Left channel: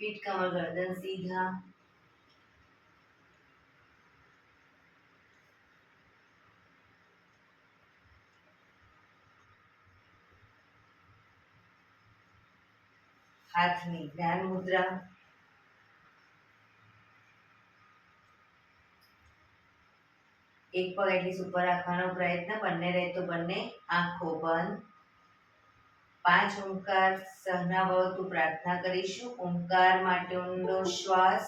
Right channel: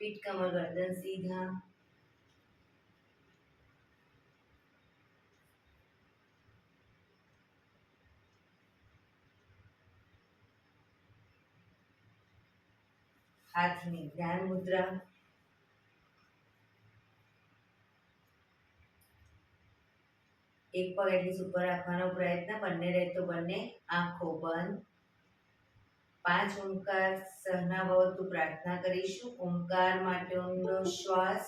पीठ कमर गर्दन सीधा। हाथनी ध्यान मुद्रा। एक पग एटलीस्ट ऊपर રાખવાનો પ્રયત્ન, બંને રહે તો બંને આંખો બંધ। 5 ઓમકાર સહના ભવતુ પ્રાર્થના કરીશું। ઓમકાર માટે ઊંડો શ્વાસ।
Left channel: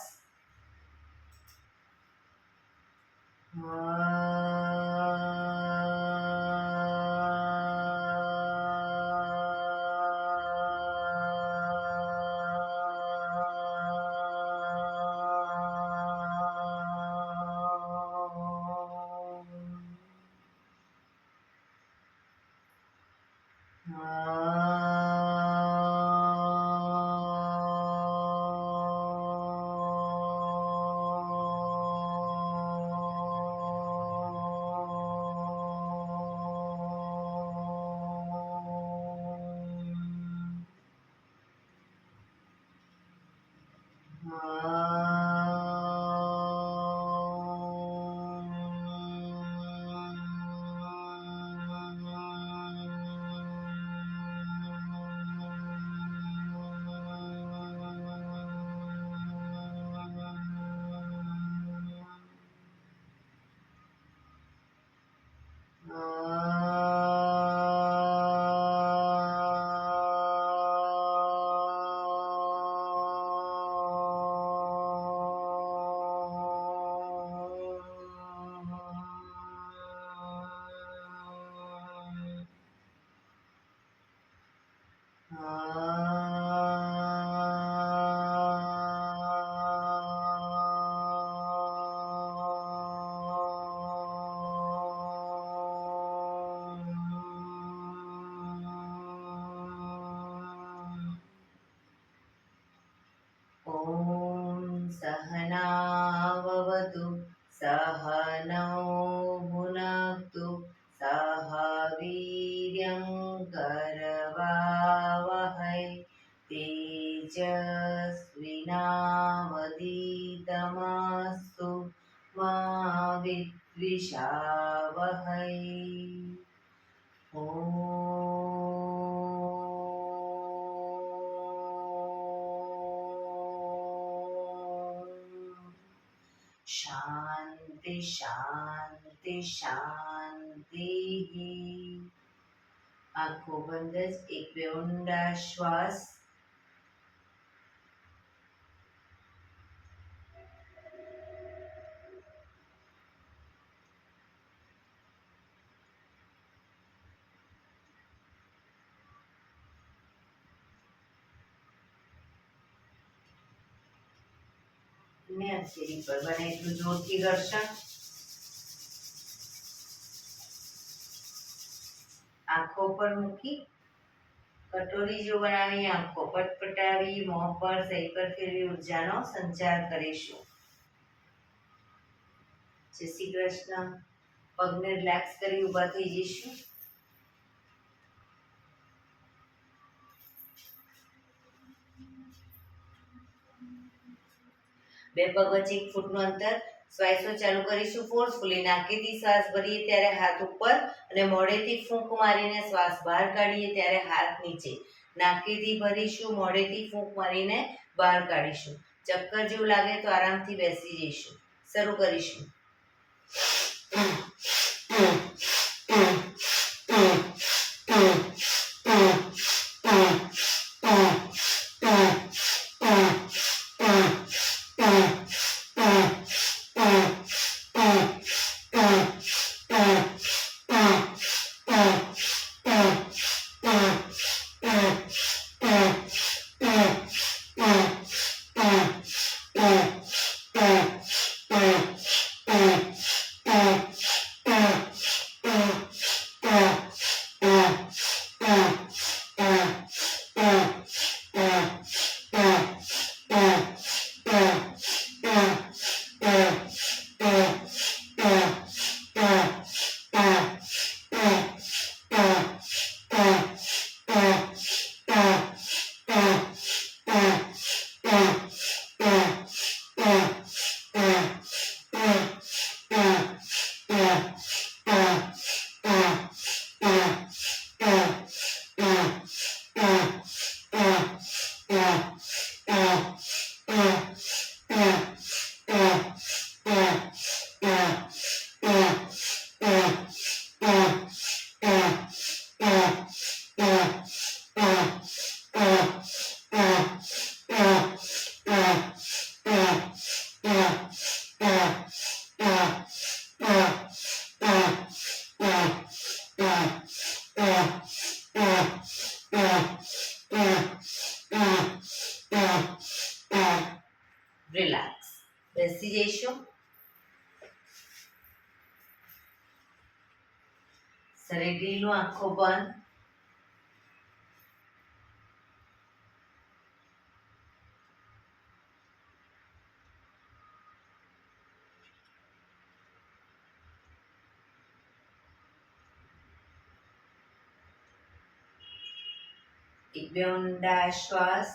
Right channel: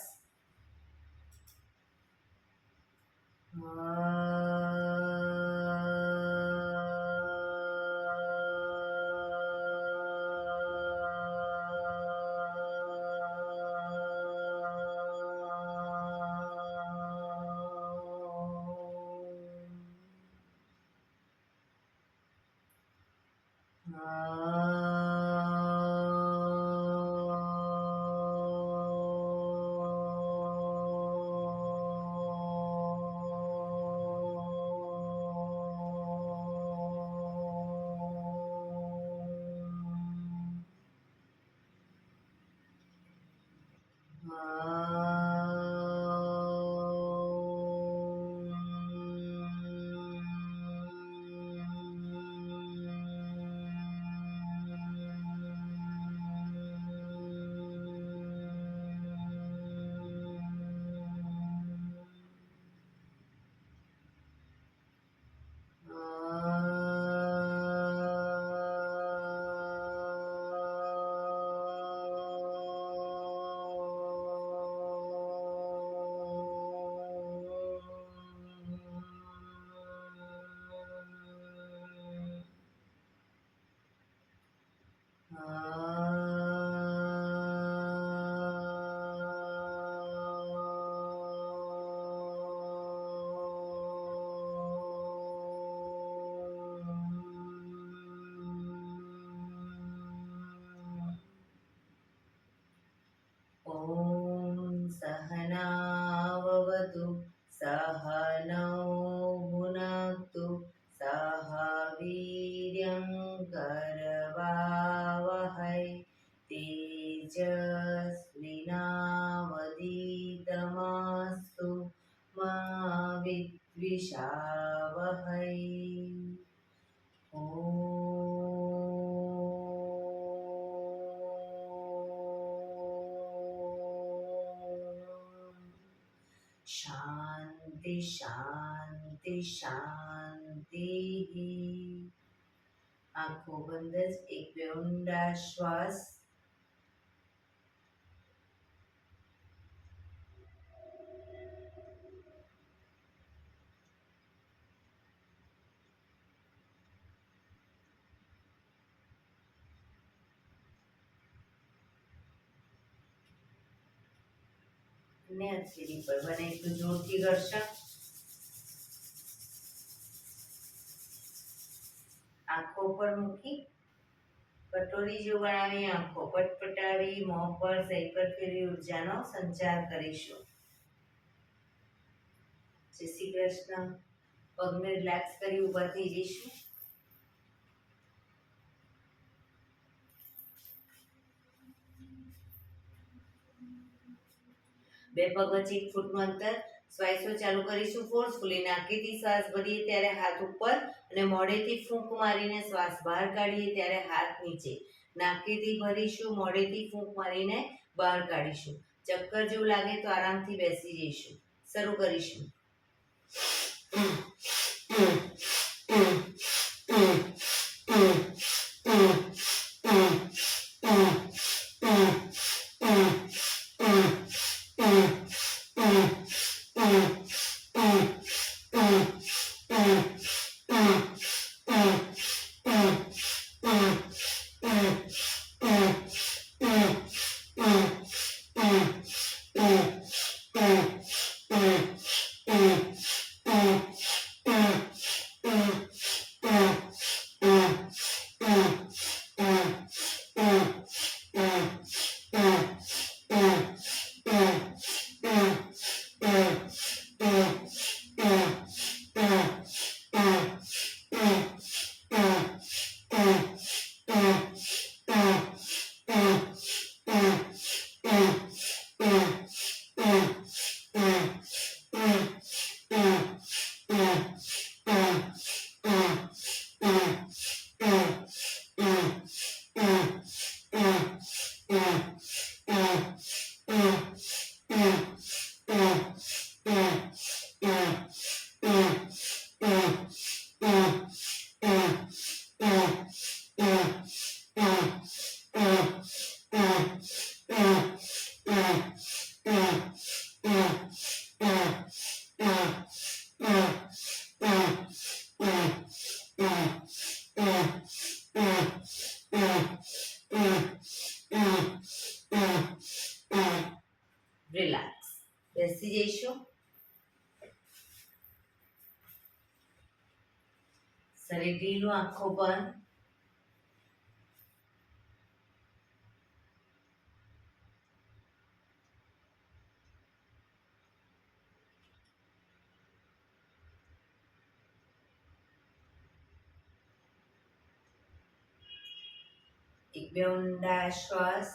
सहनाववतु सहनौ भुनक्तु सह वीर्यं करवावहै तेजस्विनावधीतमस्तु मा विद्विषावहै। शांति शांति शांति। आंखों बंद। एक બે ઊંડા શ્વાસ। ને હથેળી પર બને એટલું જોરથી ઘર્ષણ। આંખો પર મૂકી કટોરી જો બનાવી આંખો પટપટાવી મોં પર સહી પર ફેરવી ઉર્જાનો સંચાર કરીશું। જય શ્રી કૃષ્ણ। પગને રિલેક્સ કરી ઊભા થઈ જઈશું। બે પગ વચ્ચે 1 ફૂટનું અંતર। શ્વાસો ચાલુ કરીશું ફોર્સફુલી। નાકેથી શ્વાસ ભરીએ ત્યારે હાથ ઉપર અને મોઢેથી ફૂંક મારીને શ્વાસ બહાર કાઢીએ ત્યારે હાથ નીચે। નાકેથી ભરીશું, મોઢેથી ફૂંક મારીને બહાર કાઢીશું। ચક્કર જેવું લાગે તો આરામથી બેસી જઈશું। શરૂ કરીશું। રિલેક્સ. બેસી જઈશું. શરીર ઢીલું, આંખો બંધ. એક બે ઊંડા શ્વાસ.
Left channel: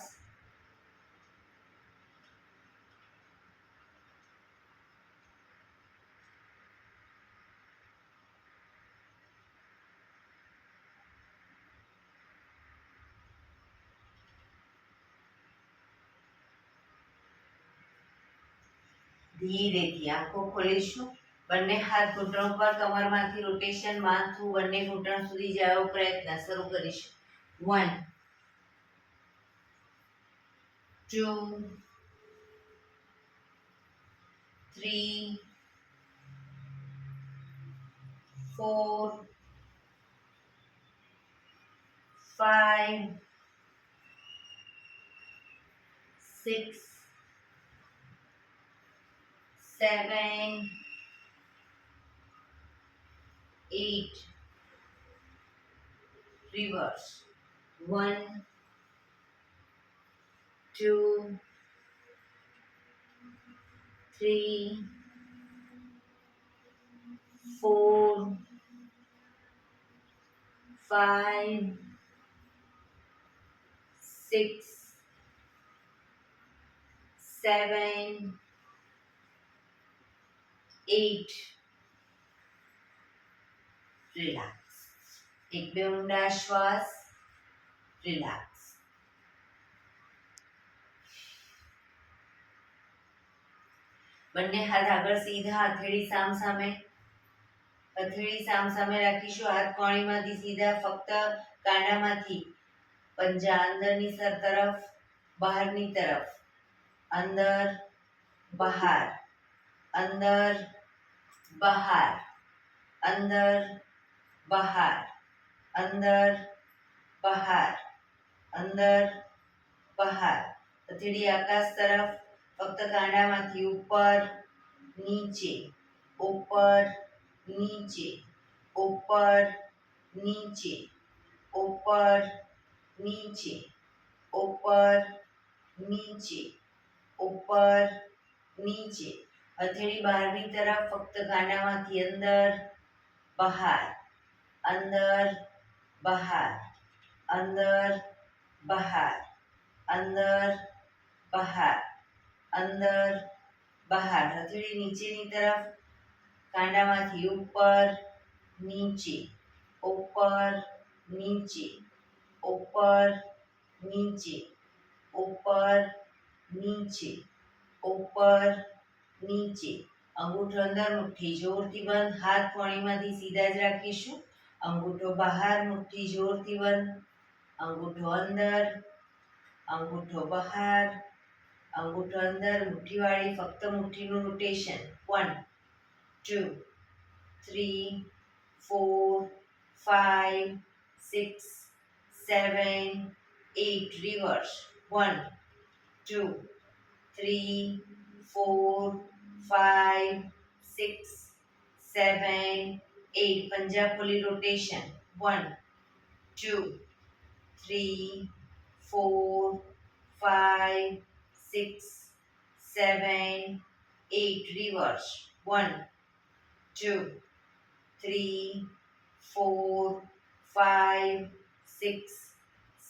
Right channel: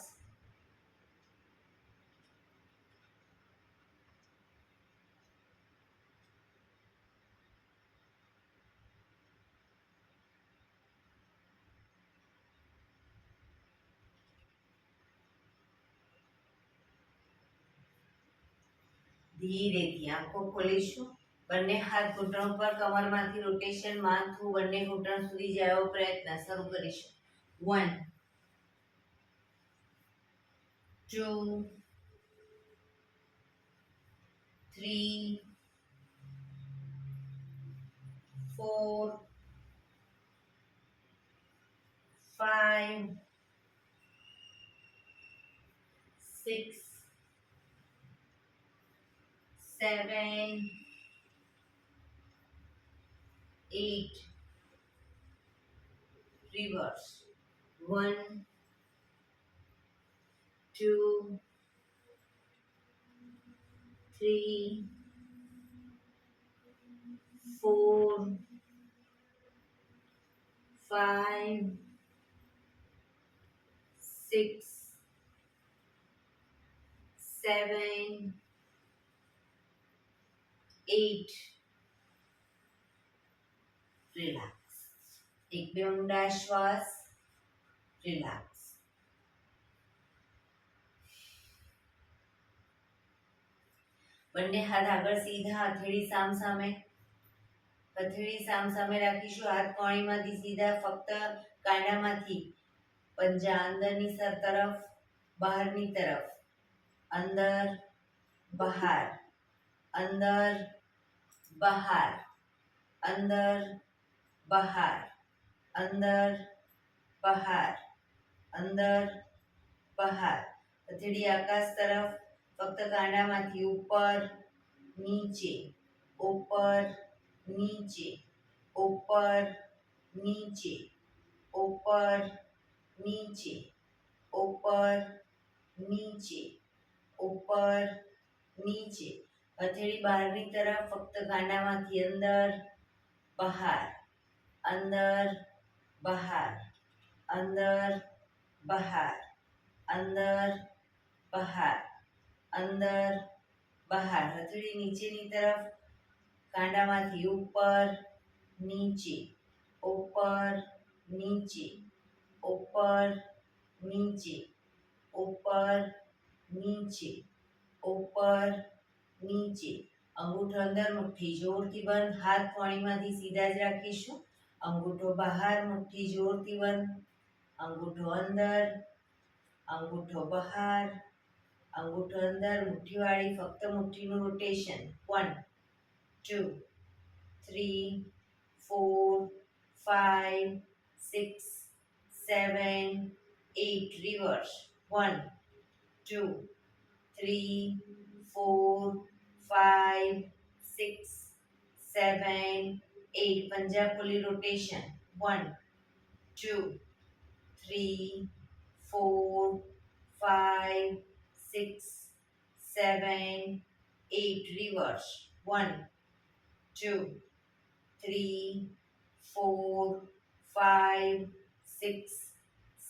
ધીરેથી આંખો ખોલીશું. બંને હાથ ઘૂંટણ પર, કમરમાંથી રોટેશન, માથું બંને ઘૂંટણ સુધી જાય એવો પ્રયત્ન શરૂ કરીશું. 1 2 3 4 5 6 7 8 reverse 1 2 3 4 5 6 7 8 રિલેક્સ. એક બે ઊંડા શ્વાસ. રિલેક્સ. બંને હાથ આગળ સીધા, હથેળી સામ સામે. હથેળી સામ સામે રાખીશું. હાથ કોણીમાંથી સીધા, ફક્ત કાંડામાંથી પંજા અંદરની તરફ, બહારની તરફ. અંદર બહાર, અંદર બહાર, અંદર બહાર, અંદર બહાર, અંદર બહાર. હથેળી આકાશ તરફ, ફક્ત કાંડામાંથી ઉપર નીચે, ઉપર નીચે, ઉપર નીચે, ઉપર નીચે, ઉપર નીચે, ઉપર નીચે. હથેળી બહારની તરફ, ફક્ત કાંડામાંથી અંદર બહાર, અંદર બહાર, અંદર બહાર, અંદર બહાર, અંદર બહાર. હથેળી નીચેની તરફ, કાંડામાંથી ઉપર નીચે, ઉપર નીચે, ઉપર નીચે, ઉપર નીચે, ઉપર નીચે. અંગૂઠો અંદર, મુઠ્ઠી જોરથી બંધ. હાથ કોણીમાંથી સીધા જ રાખીશું. અંગૂઠો બહાર, મુઠ્ઠી જોરથી બંધ. અંગૂઠો અંદર, અંગૂઠો બહાર, અંગૂઠો અંદર. મુઠ્ઠીવાળી ફક્ત મુઠ્ઠીનું રોટેશન. 1 2 3 4 5 6 7 8 રિવર્સ 1 2 3 4 5 6 7 8 પંજા ખોલી રોટેશન 1 2 3 4 5 6 7 8 reverse 1 2 3 4 5 6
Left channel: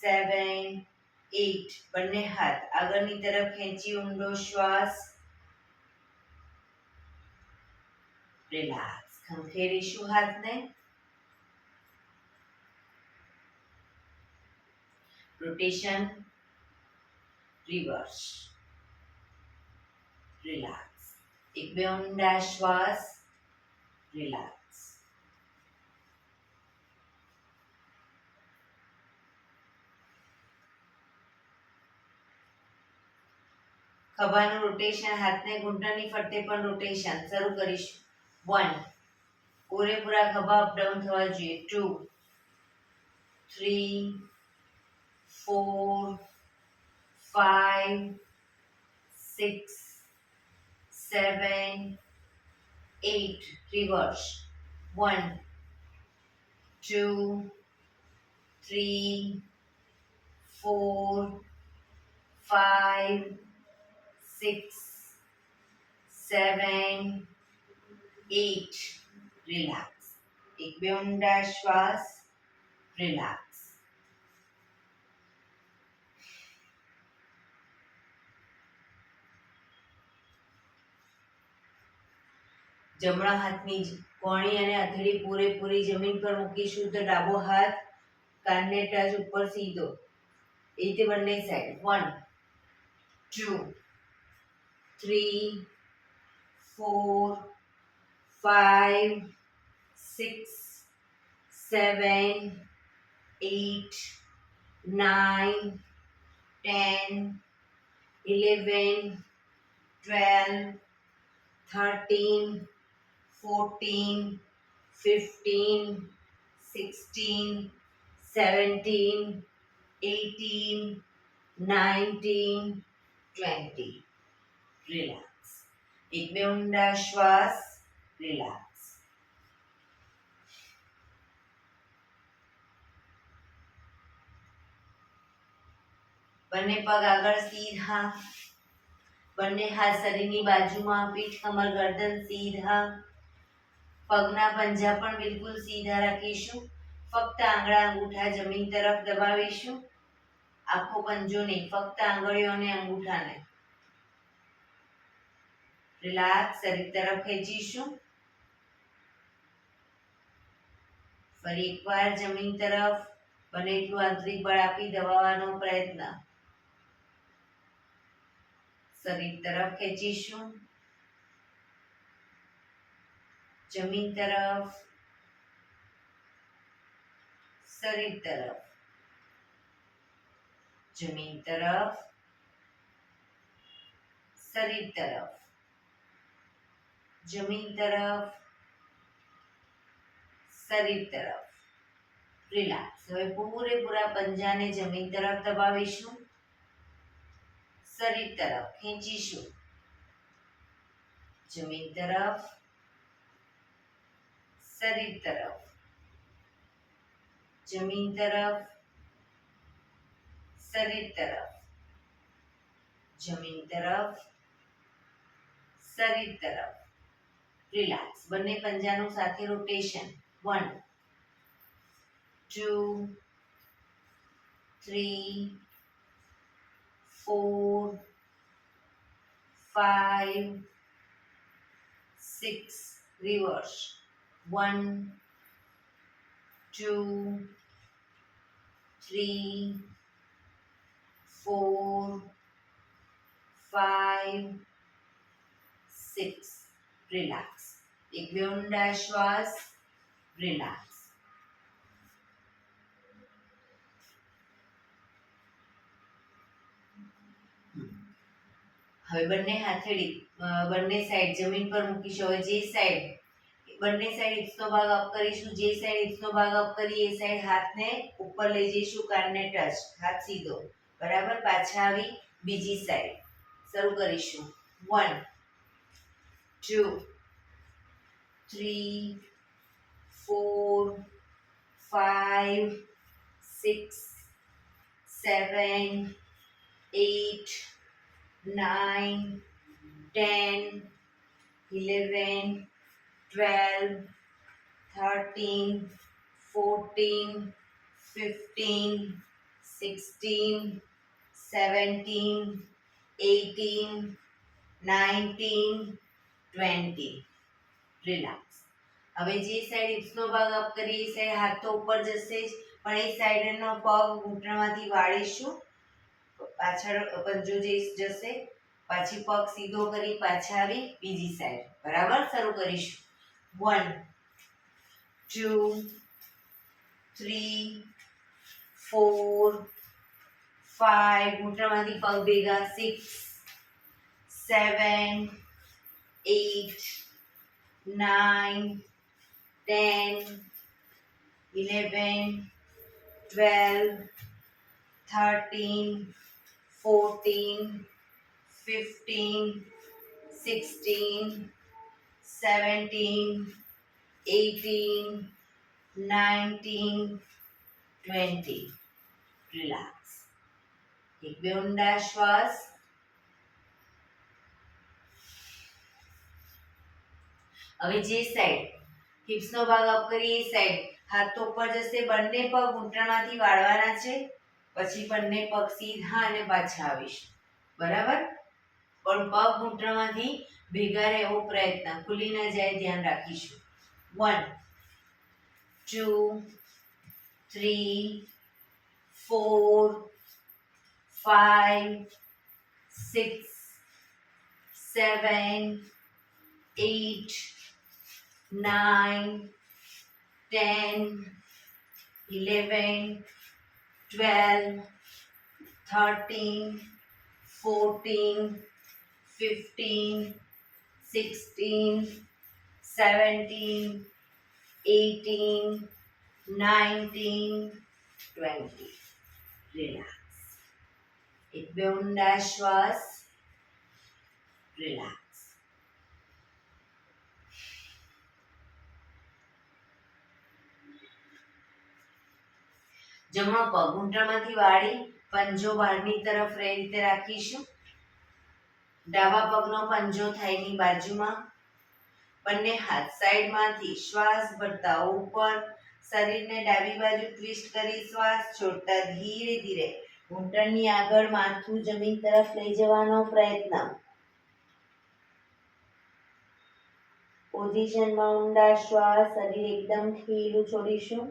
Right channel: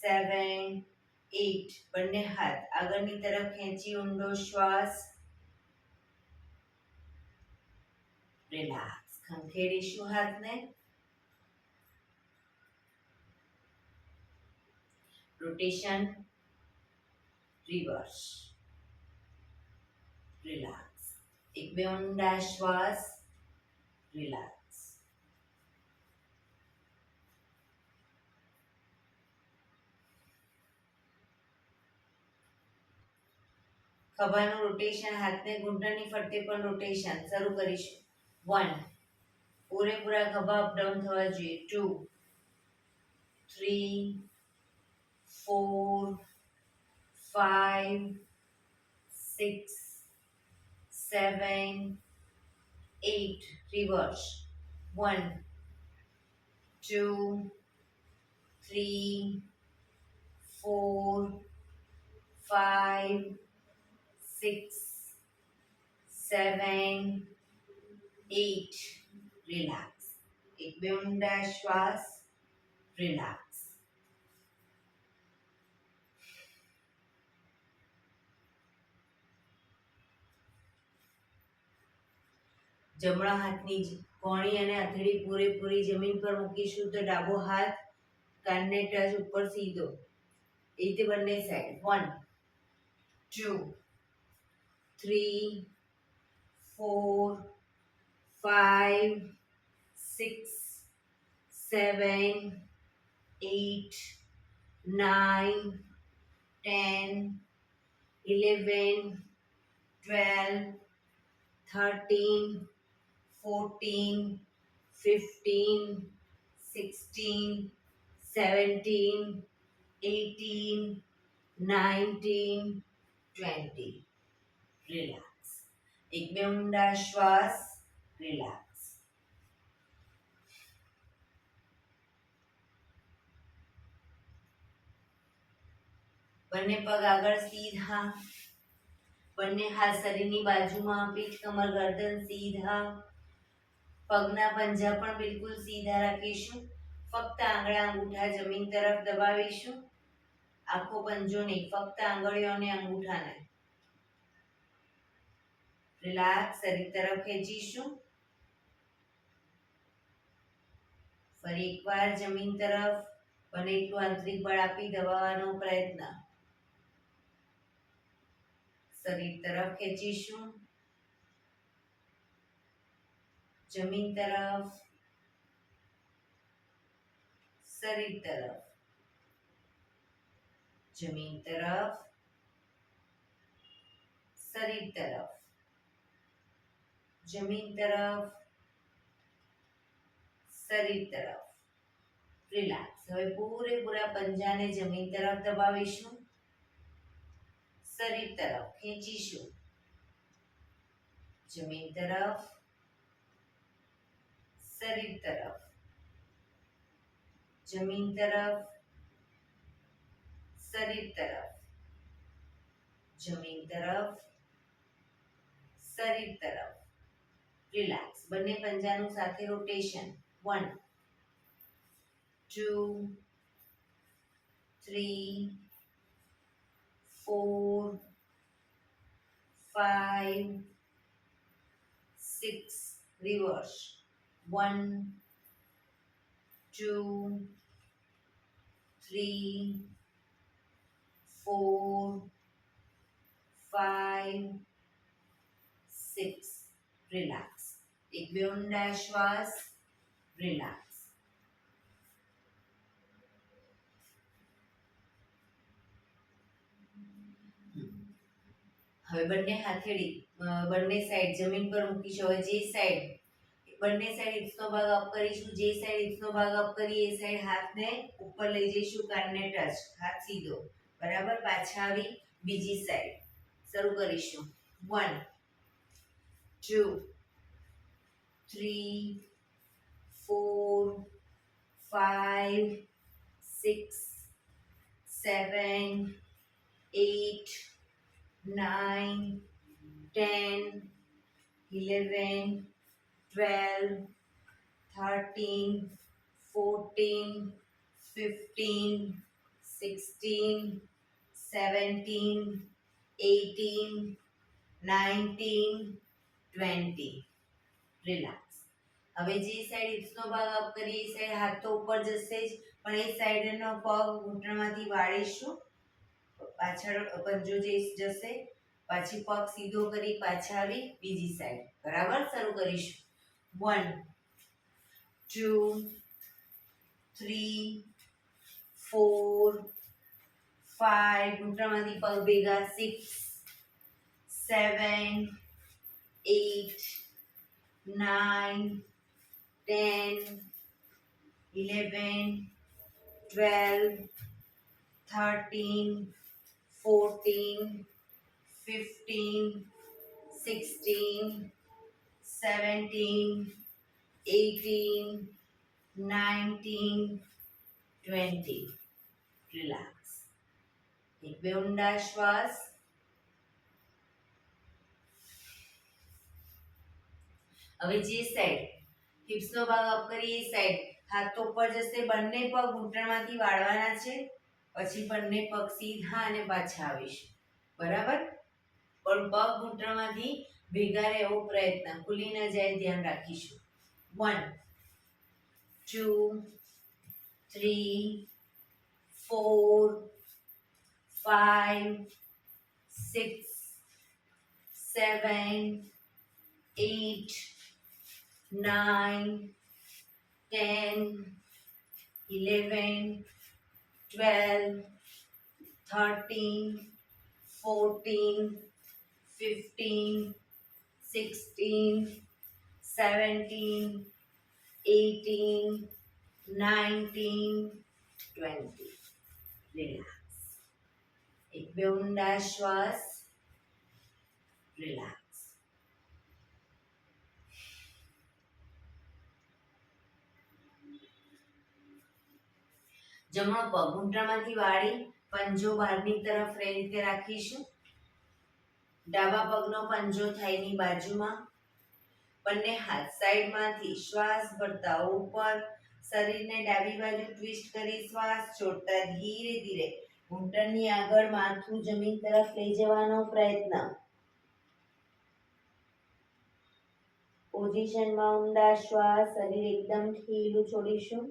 7 8 બંને હાથ આગળની તરફ ખેંચી ઊંડો શ્વાસ રિલેક્સ ખંખેરીશું હાથને રોટેશન રિવર્સ, રિલેક્સ. એક બે ઊંડા શ્વાસ, રિલેક્સ. ખભાનું રોટેશન, હાથને ઘૂંટણની ફરતે પણ રોટેશન શરૂ કરીશું. 1, પૂરેપૂરા ખભા અપડાઉન થવા જોઈએ. 2, 3, 4, 5, 6, 7, 8. રિવર્સ. 1, 2, 3, 4, 5, 6, 7, 8. રિલેક્સ. એક બે ઊંડા શ્વાસ, રિલેક્સ. જમણા હાથની કોણી અને હથેળી પૂરેપૂરી જમીન પર મૂકીશું તો ડાબો હાથ કાનને ટચ ઉપર સીધો. એ રીતે બંને સાઈડ. 1, 2, 3, 4, 5, 6, 7, 8, 9, 10, 11, 12, 13, 14, 15, 16, 17, 18, 19, 20. રિલેક્સ. એક બે ઊંડા શ્વાસ, રિલેક્સ. બંને પગ આગળ સીધા, બંને હાથ શરીરની બાજુમાં, પીઠ કમર ગરદન સીધા. પગના પંજા પણ બિલકુલ સીધા રાખીશું. ફક્ત આંગળા અંગૂઠા જમીન તરફ દબાવીશું. આખો પંજો નહીં, ફક્ત આંગળીઓ અને અંગૂઠાને. રિલેક્સ. શરીર તરફ ખેંચીશું. ફરી એકવાર જમીન તરફ બને એટલું આંતરિક બળ આપી દબાવવાનો પ્રયત્ન. શરીર તરફ ખેંચીશું. જમીન તરફ, શરીર તરફ, જમીન તરફ, શરીર તરફ, જમીન તરફ, શરીર તરફ. રિલેક્સ. હવે પૂરેપૂરા પંજાને જમીન તરફ દબાવીશું. શરીર તરફ ખેંચીશું. જમીન તરફ, શરીર તરફ, જમીન તરફ, શરીર તરફ, જમીન તરફ, શરીર તરફ. રિલેક્સ. બંને પંજાનું સાથે રોટેશન. 1, 2, 3, 4, 5, 6. રિવર્સ. 1, 2, 3, 4, 5, 6. રિલેક્સ. એક બે ઊંડા શ્વાસ, રિલેક્સ. હવે બંને હાથેળી બંને સાઈડ જમીન પર મૂકીશું. હવે જે સાઈડ બંને સાઈડ હિપ્સનો ભાગ અપ કરીશું. જે સાઈડ હિપ્સનો ભાગ અપ કરી એ સાઈડ હાથને ઉપર લઈ જઈશું. કાનને ટચ, હાથ સીધો. બરાબર. પાછા આવી બીજી સાઈડ શરૂ કરીશું. 1, 2, 3, 4, 5, 6, 7, 8, 9, 10, 11, 12, 13, 14, 15, 16, 17, 18, 19, 20. રિલેક્સ. હવે જે સાઈડ હિપ્સનો ભાગ અપ કરીએ એ સાઈડ હાથ તો ઉપર જશે જ, પણ એ સાઈડનો પગ ઘૂંટણમાંથી વાળીશું. પાછળ પંજો જશે, પછી પગ સીધો કરી પાછા આવી બીજી સાઈડ. બરાબર, શરૂ કરીશું. 1 2 3 4 5, ઘૂંટણમાંથી પગ ભેગા, 6 7 8 9 10 11 12 13 14 15 16 17 18 19 20. રિલેક્સ. એક બે ઊંડા શ્વાસ. હવે જે સાઈડ હિપ્સનો ભાગ અપ કરીએ એ સાઈડ હાથ ઉપર જશે, બંને પગ ઘૂંટણમાંથી વાળવાના છે, પછી બંને પગ સીધા અને પાછા આવીશું. બરાબર, પણ પગ ઘૂંટણમાંથી ભેગા રહે એવો પ્રયત્ન, ખુલી ન જાય ધ્યાન રાખીશું. 1 2 3 4 5 6 7 8 9 10 11 12 13 14 15 16 17 18 19 20. રિલેક્સ. એક બે ઊંડા શ્વાસ. રિલેક્સ. જમણો પગ ઘૂંટણમાંથી વાળી પંજો બહારની તરફ એ રીતે રાખીશું. ડાબા પગનો પંજો થાઈની બાજુમાં. બંને હાથ સાઈડમાંથી શ્વાસ ભરતા ઉપર, શરીરને ડાબી બાજુ ટ્વિસ્ટ કરી શ્વાસ છોડતા ધીરે ધીરે ઘૂંટણની આગળ માથું જમીન તરફ લઈ જવાનો પ્રયત્ન. પોઝિશનમાં ઊંડા શ્વાસ, શરીર એકદમ ઢીલું છોડીશું.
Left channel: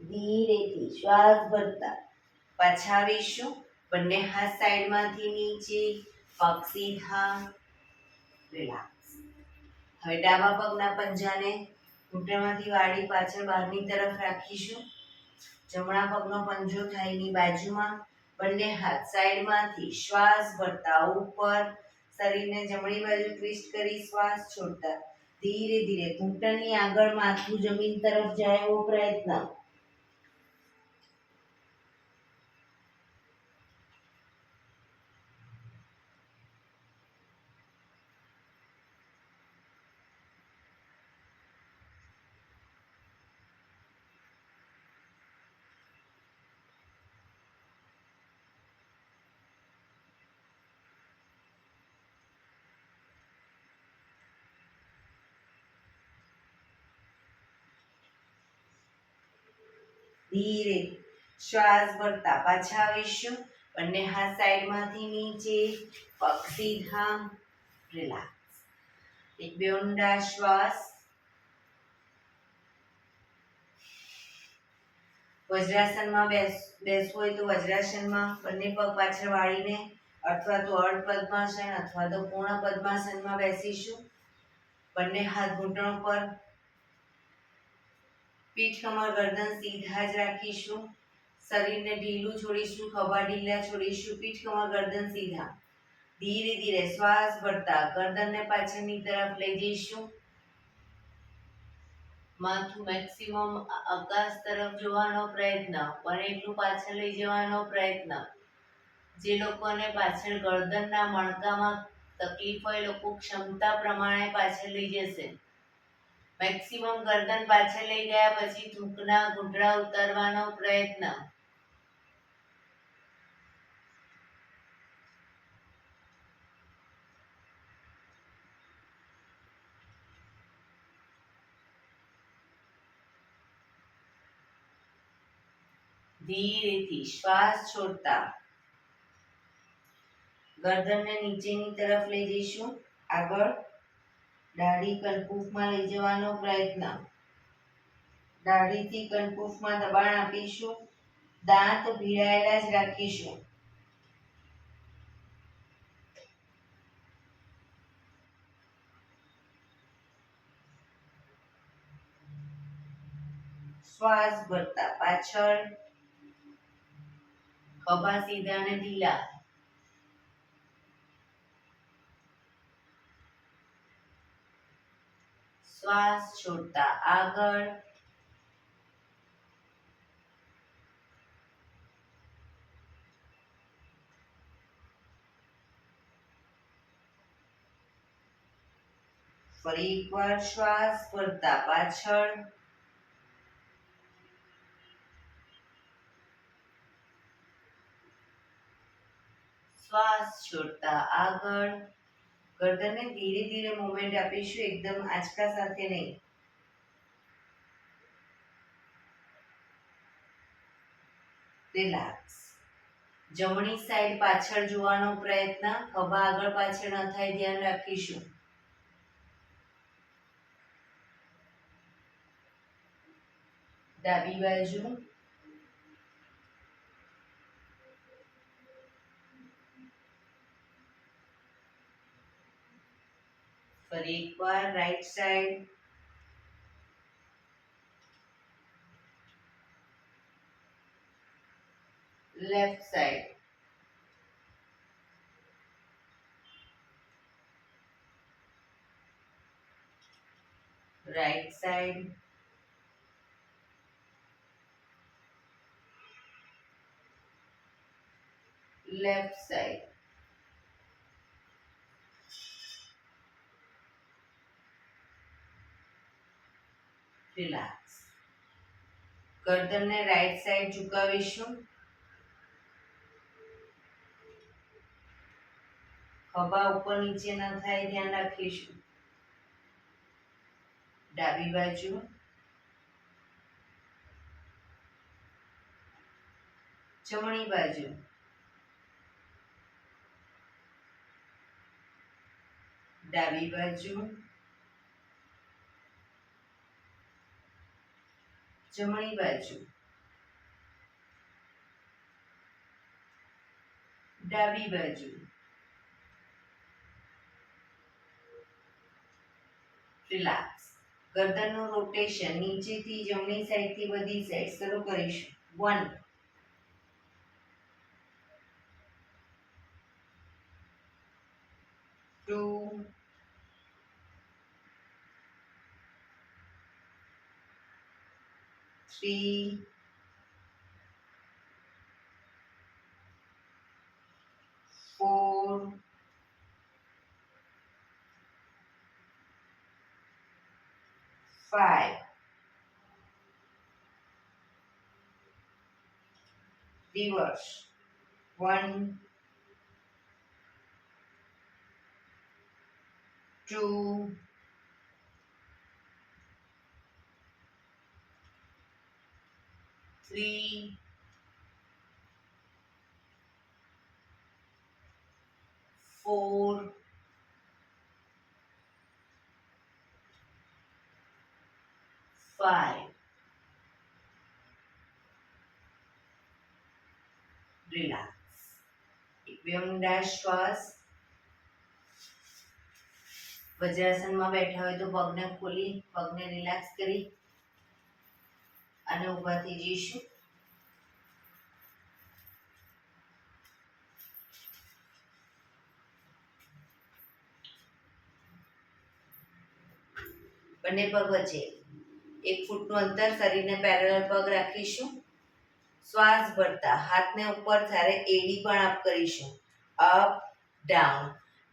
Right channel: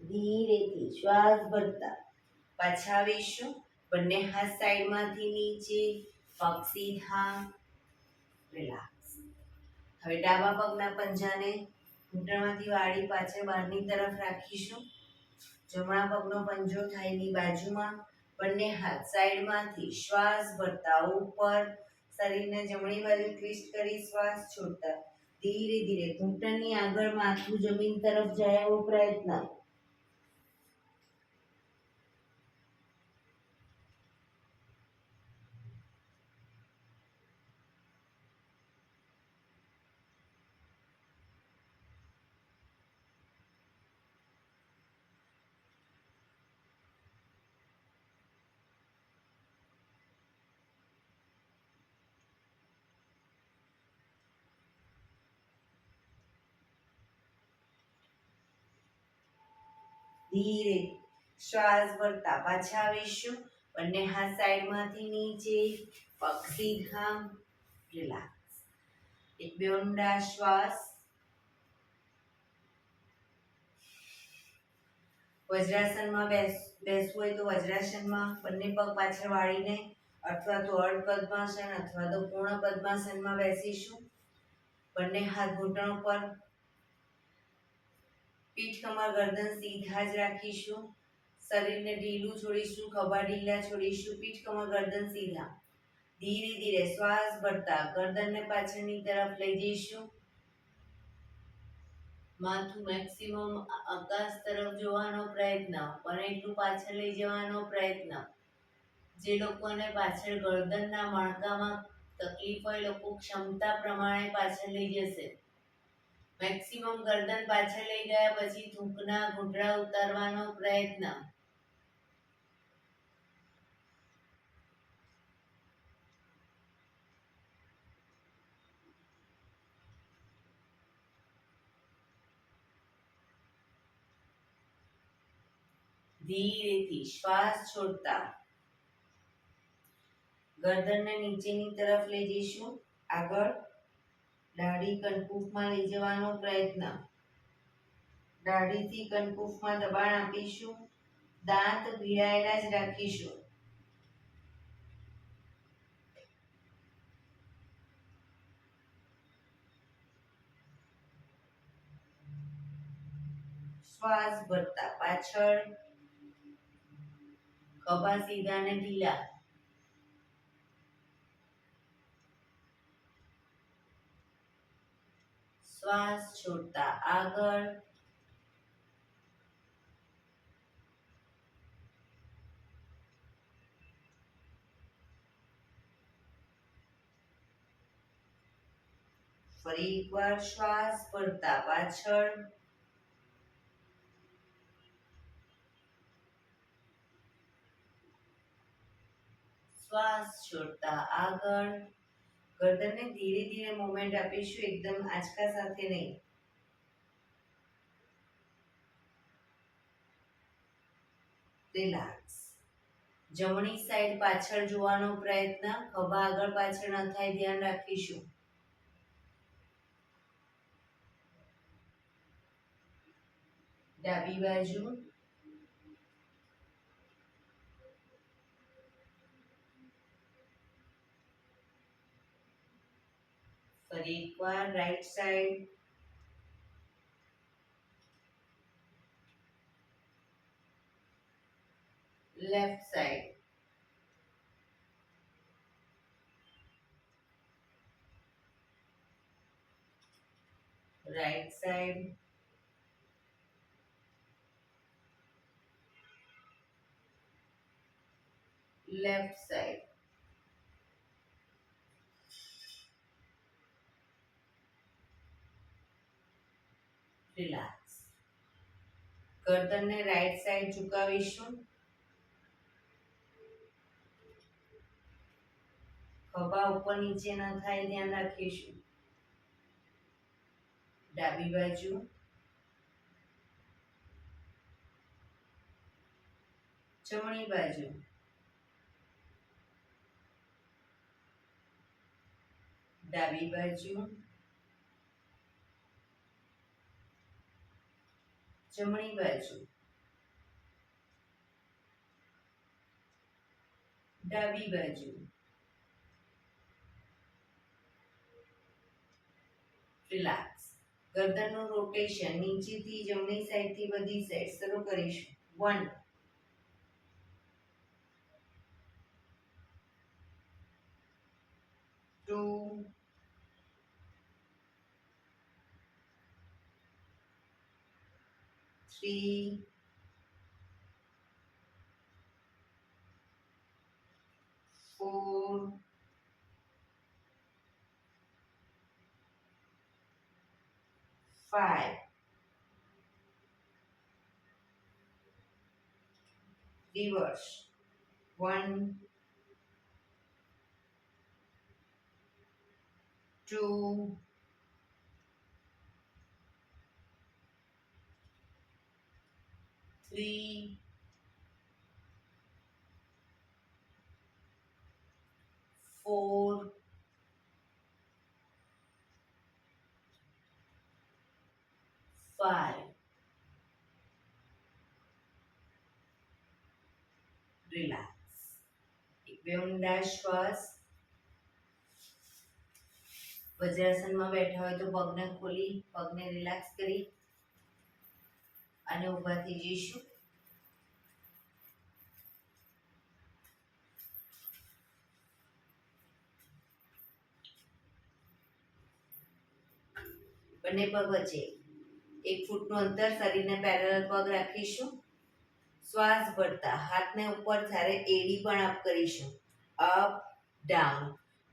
ધીરેથી શ્વાસ ભરતા પાછા આવીશું. બંને હાથ સાઈડમાંથી નીચે, પગ સીધા. રિલેક્સ. હવે ડાબા પગના પંજાને ઘૂંટણમાંથી વાળી પાછળ બહારની તરફ રાખીશું. જમણા પગનો પંજો થાઈની બાજુમાં. બંને હાથ સાઈડમાંથી શ્વાસ ભરતા ઉપર, શરીરને જમણી બાજુ ટ્વિસ્ટ કરી શ્વાસ છોડતા ધીરે ધીરે ઘૂંટણની આગળ માથું જમીન તરફ જાય એવો પ્રયત્ન. ધીરે શ્વાસ ભરતા પાછા આવીશું. બંને હાથ સાઈડમાંથી નીચે, પગ સીધા. રિલેક્સ. એક બે ઊંડા શ્વાસ. વજ્રાસનમાં બેસવું હોય તો વજ્રાસનમાં બંને પગ પાછળ વાળીને, અથવા તો અર્ધ પદ્માસન અથવા તો પૂર્ણ પદ્માસનમાં બેસીશું. બંને હાથ ઘૂંટણો પર, પીઠ કમર ગરદન સીધા જ રાખીશું. શરીરને ઢીલું છોડીશું, ખભા ઢીલા છોડીશું, પીઠ કમર ગરદન સીધા. ધીરે ધીરે શ્વાસ ભરતા ગરદનને પાછળની તરફ લઈ જઈશું. માથું મેક્સિમમ આકાશ તરફ જોવાનો પ્રયત્ન, બને એટલું પાછળ લઈ જવાનો પ્રયત્ન. જે લોકોને પાછળ ગરદનના મણકામાં તકલીફ હોય, લોકો ક્ષમતા પ્રમાણે પાછળ લઈ જશે. મેક્સિમમ ગરદન પાછળ લઈ ગયા પછી થૂંકના ઘૂંટડા ઉતારવાનો પ્રયત્ન. ધીરેથી શ્વાસ છોડતા ગરદનને નીચેની તરફ લઈ જઈશું. આગળ દાઢી કનકુફમાં લઈ જવાનો પ્રયત્ન. દાઢીથી કનકુફમાં દબાણ આપીશું. દાંત ભીડાયેલા જ રાખીશું. શ્વાસ ભરતા પાછળ, ખભા સીધા અને ઢીલા. શ્વાસ છોડતા આગળ, ફરી એકવાર શ્વાસ ભરતા પાછળ, શ્વાસ છોડતા આગળ. ગરદનને ધીરે ધીરે મૂવમેન્ટ આપીશું, એકદમ આંચકા સાથે નહીં. રિલેક્સ. જમણી સાઈડ પાછળ જોવાનો પ્રયત્ન. ખભા આગળ પાછળ ન થાય, ધ્યાન રાખીશું. ડાબી બાજુ, ફરી એકવાર right side, left side, right side, left side. Relax. ગરદનને રાઈટ સાઈડ ઝુકાવીશું. ખભા ઉપર નીચે ન થાય, ધ્યાન રાખીશું. ડાબી બાજુ, જમણી બાજુ, ડાબી બાજુ, જમણી બાજુ, ડાબી બાજુ. રિલેક્સ. ગરદનનું રોટેશન નીચેથી જમણી સાઈડથી બધી સાઈડ શરૂ કરીશું. 1 2 3 4 5. Reverse. 1 2 3 4 5. રિલેક્સ. એક ઊંડા શ્વાસ. વજ્રાસનમાં બેઠા હોય તો પગને ખોલી, પગને રિલેક્સ કરી અને ઊભા થઈ જઈશું. બંને પગ વચ્ચે 1 ફૂટનું અંતર, શરીરને પેરેલલ પગ રાખીશું. શ્વાસ ભરતા હાથને ઉપર ત્યારે એડી પણ અપ કરીશું. Up down.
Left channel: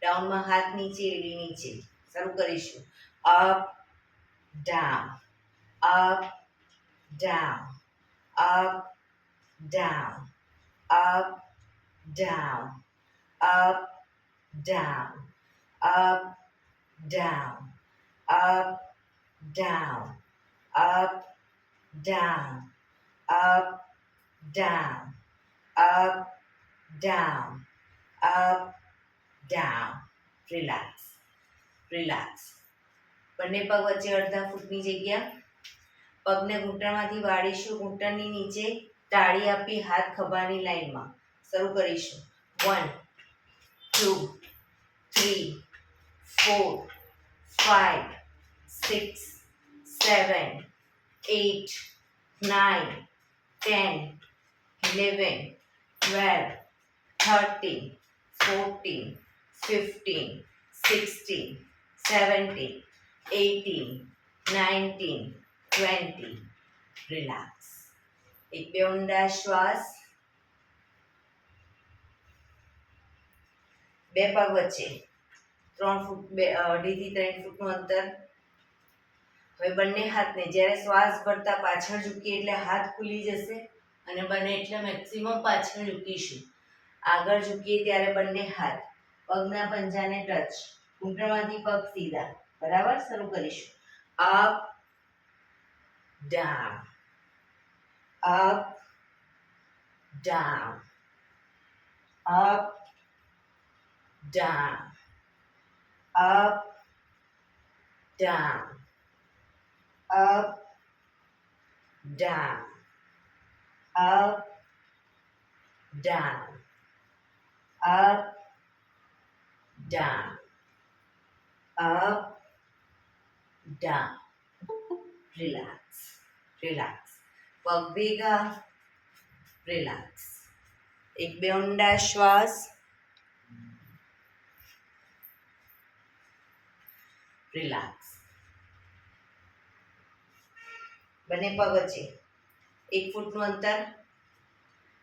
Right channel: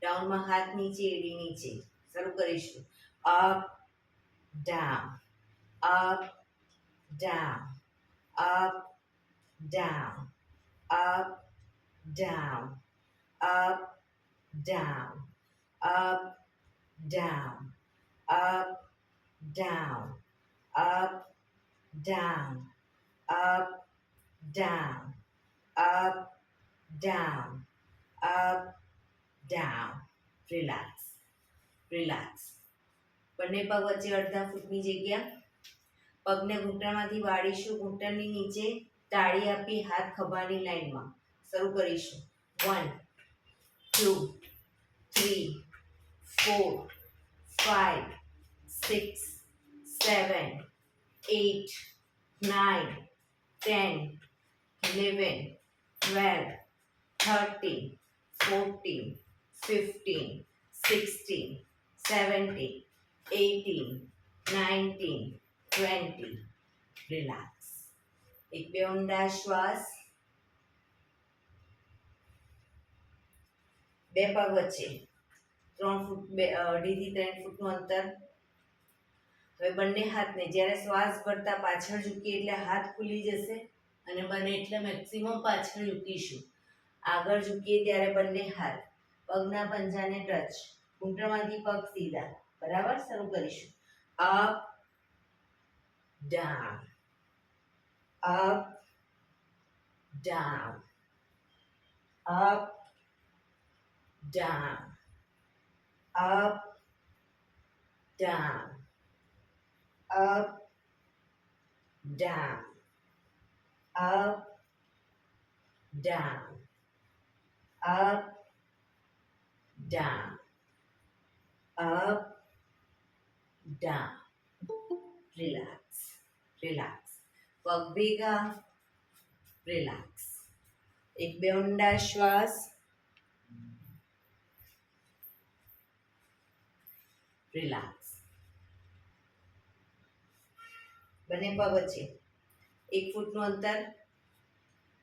ડાઉનમાં હાથ નીચે, એડી નીચે. શરૂ કરીશું. Up down, up down, up down, up down, up down, up down, up, down, up, down, up, down, up, down, up, down. Relax, relax. બંને પગ વચ્ચે અડધા ફૂટની જગ્યા. પગને ઘૂંટણમાંથી વાળીશું, ઘૂંટણની નીચે તાળી આપી હાથ ખભાની લાઈનમાં. શરૂ કરીશું. 1 2 3 4 5 6 7 8 9 10 11 12 13 14 15 16 17 18 19 20. Relax. એક બે ઊંડા શ્વાસ. બે પગ વચ્ચે 3 ફૂટ 2.5 થી 3 ફૂટનું અંતર. હવે બંને હાથને જ્યારે શ્વાસ ભરતા પાછળ ઝૂકીએ એટલે હાથ ખુલી જશે અને બને એટલે મેક્સિમમ પાછળ ઝૂકીશું. આગળ ઝૂકીએ ત્યારે બંને હાથ પગના પંજાને ટચ, ઘૂંટણમાંથી પગ સીધા. બરાબર. શરૂ કરીશું. Up, down, up, down, up, down, up, down, up, down, up, down, up, down, up, down. Relax, relax. પગ ભેગા. રિલેક્સ. એક બે ઊંડા શ્વાસ. રિલેક્સ. બંને પગ વચ્ચે 1 ફૂટનું અંતર.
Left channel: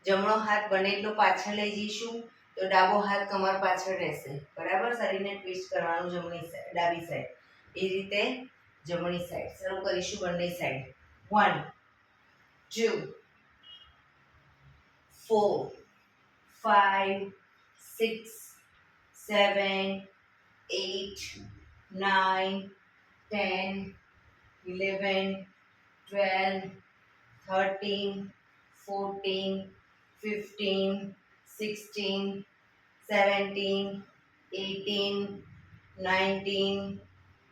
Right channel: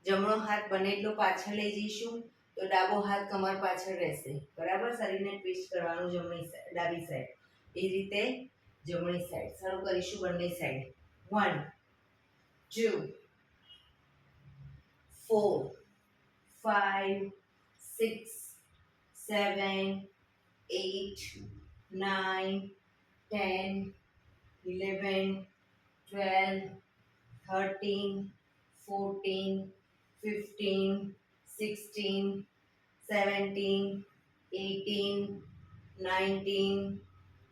જમણો હાથ બને એટલો પાછળ લઈ જઈશું તો ડાબો હાથ કમર પાછળ રહેશે. બરાબર. શરીરને ટ્વિસ્ટ કરવાનું જમણી સાઈડ, ડાબી સાઈડ. એ રીતે જમણી સાઈડ. શરૂ કરીશું બંને સાઈડ. 1 2 4 5 6 7 8 9 10 11 12 13 14 15 16 17 18 19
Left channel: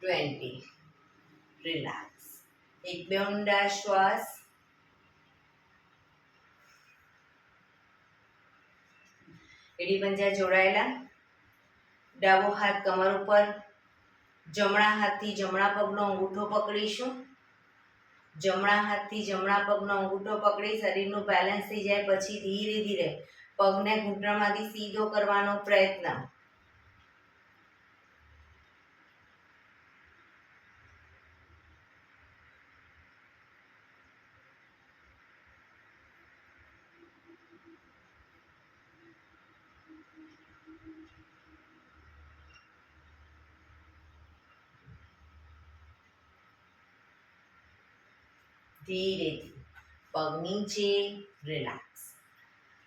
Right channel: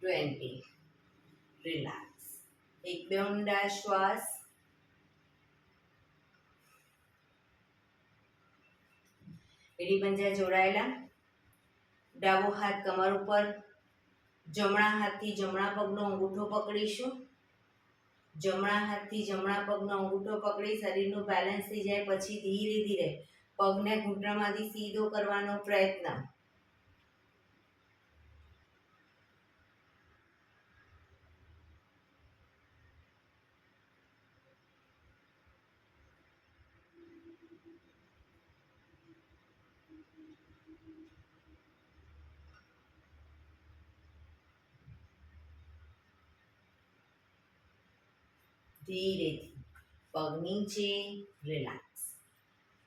20. રિલેક્સ. એક બે ઊંડા શ્વાસ. એડી પંજા જોડાયેલા. ડાબો હાથ કમર ઉપર. જમણા હાથથી જમણા પગનો અંગૂઠો પકડીશું. જમણા હાથથી જમણા પગનો અંગૂઠો પકડી શરીરનું બેલેન્સ થઈ જાય પછી ધીરે ધીરે પગને ઘૂંટણમાંથી સીધો કરવાનો પ્રયત્ન. ધીરેથી પગ નીચે. રિલેક્સ.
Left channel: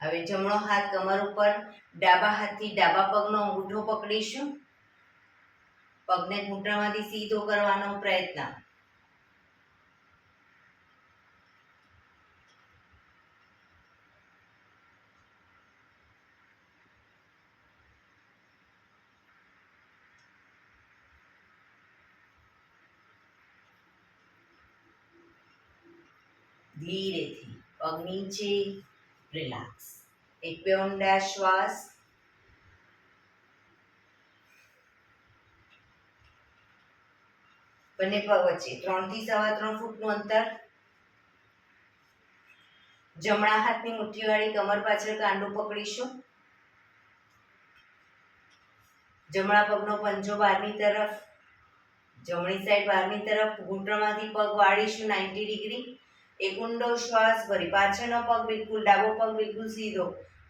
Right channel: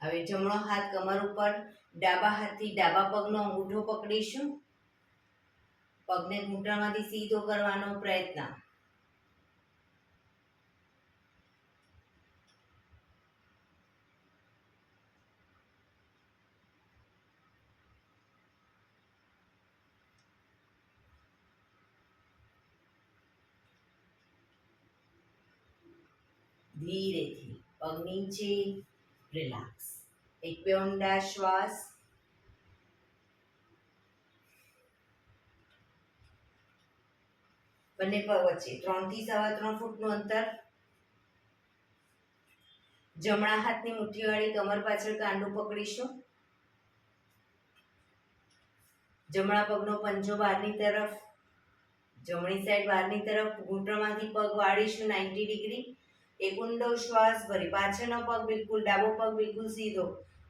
હવે જમણો હાથ કમર ઉપર. ડાબા હાથથી ડાબા પગનો અંગૂઠો પકડીશું. પગને ઘૂંટણમાંથી સીધો કરવાનો પ્રયત્ન. ધીરેથી પગ નીચે. રિલેક્સ. એક બે ઊંડા શ્વાસ. બંને પગ વચ્ચે 3 થી 3.25 ફૂટનું અંતર. જમણા હાથની મુઠ્ઠીવાળી કમર પાછળ કાંડું પકડીશું. જમણા પગનો પંજો બહારની તરફ. જમણી સાઈડ બહારની તરફ. ઘૂંટણમાંથી પગ વાળીશું 90 ડિગ્રી. એક ઊંડો શ્વાસ ભરી પાછળનો પગ બિલકુલ, ડાબો પગ બિલકુલ સીધો.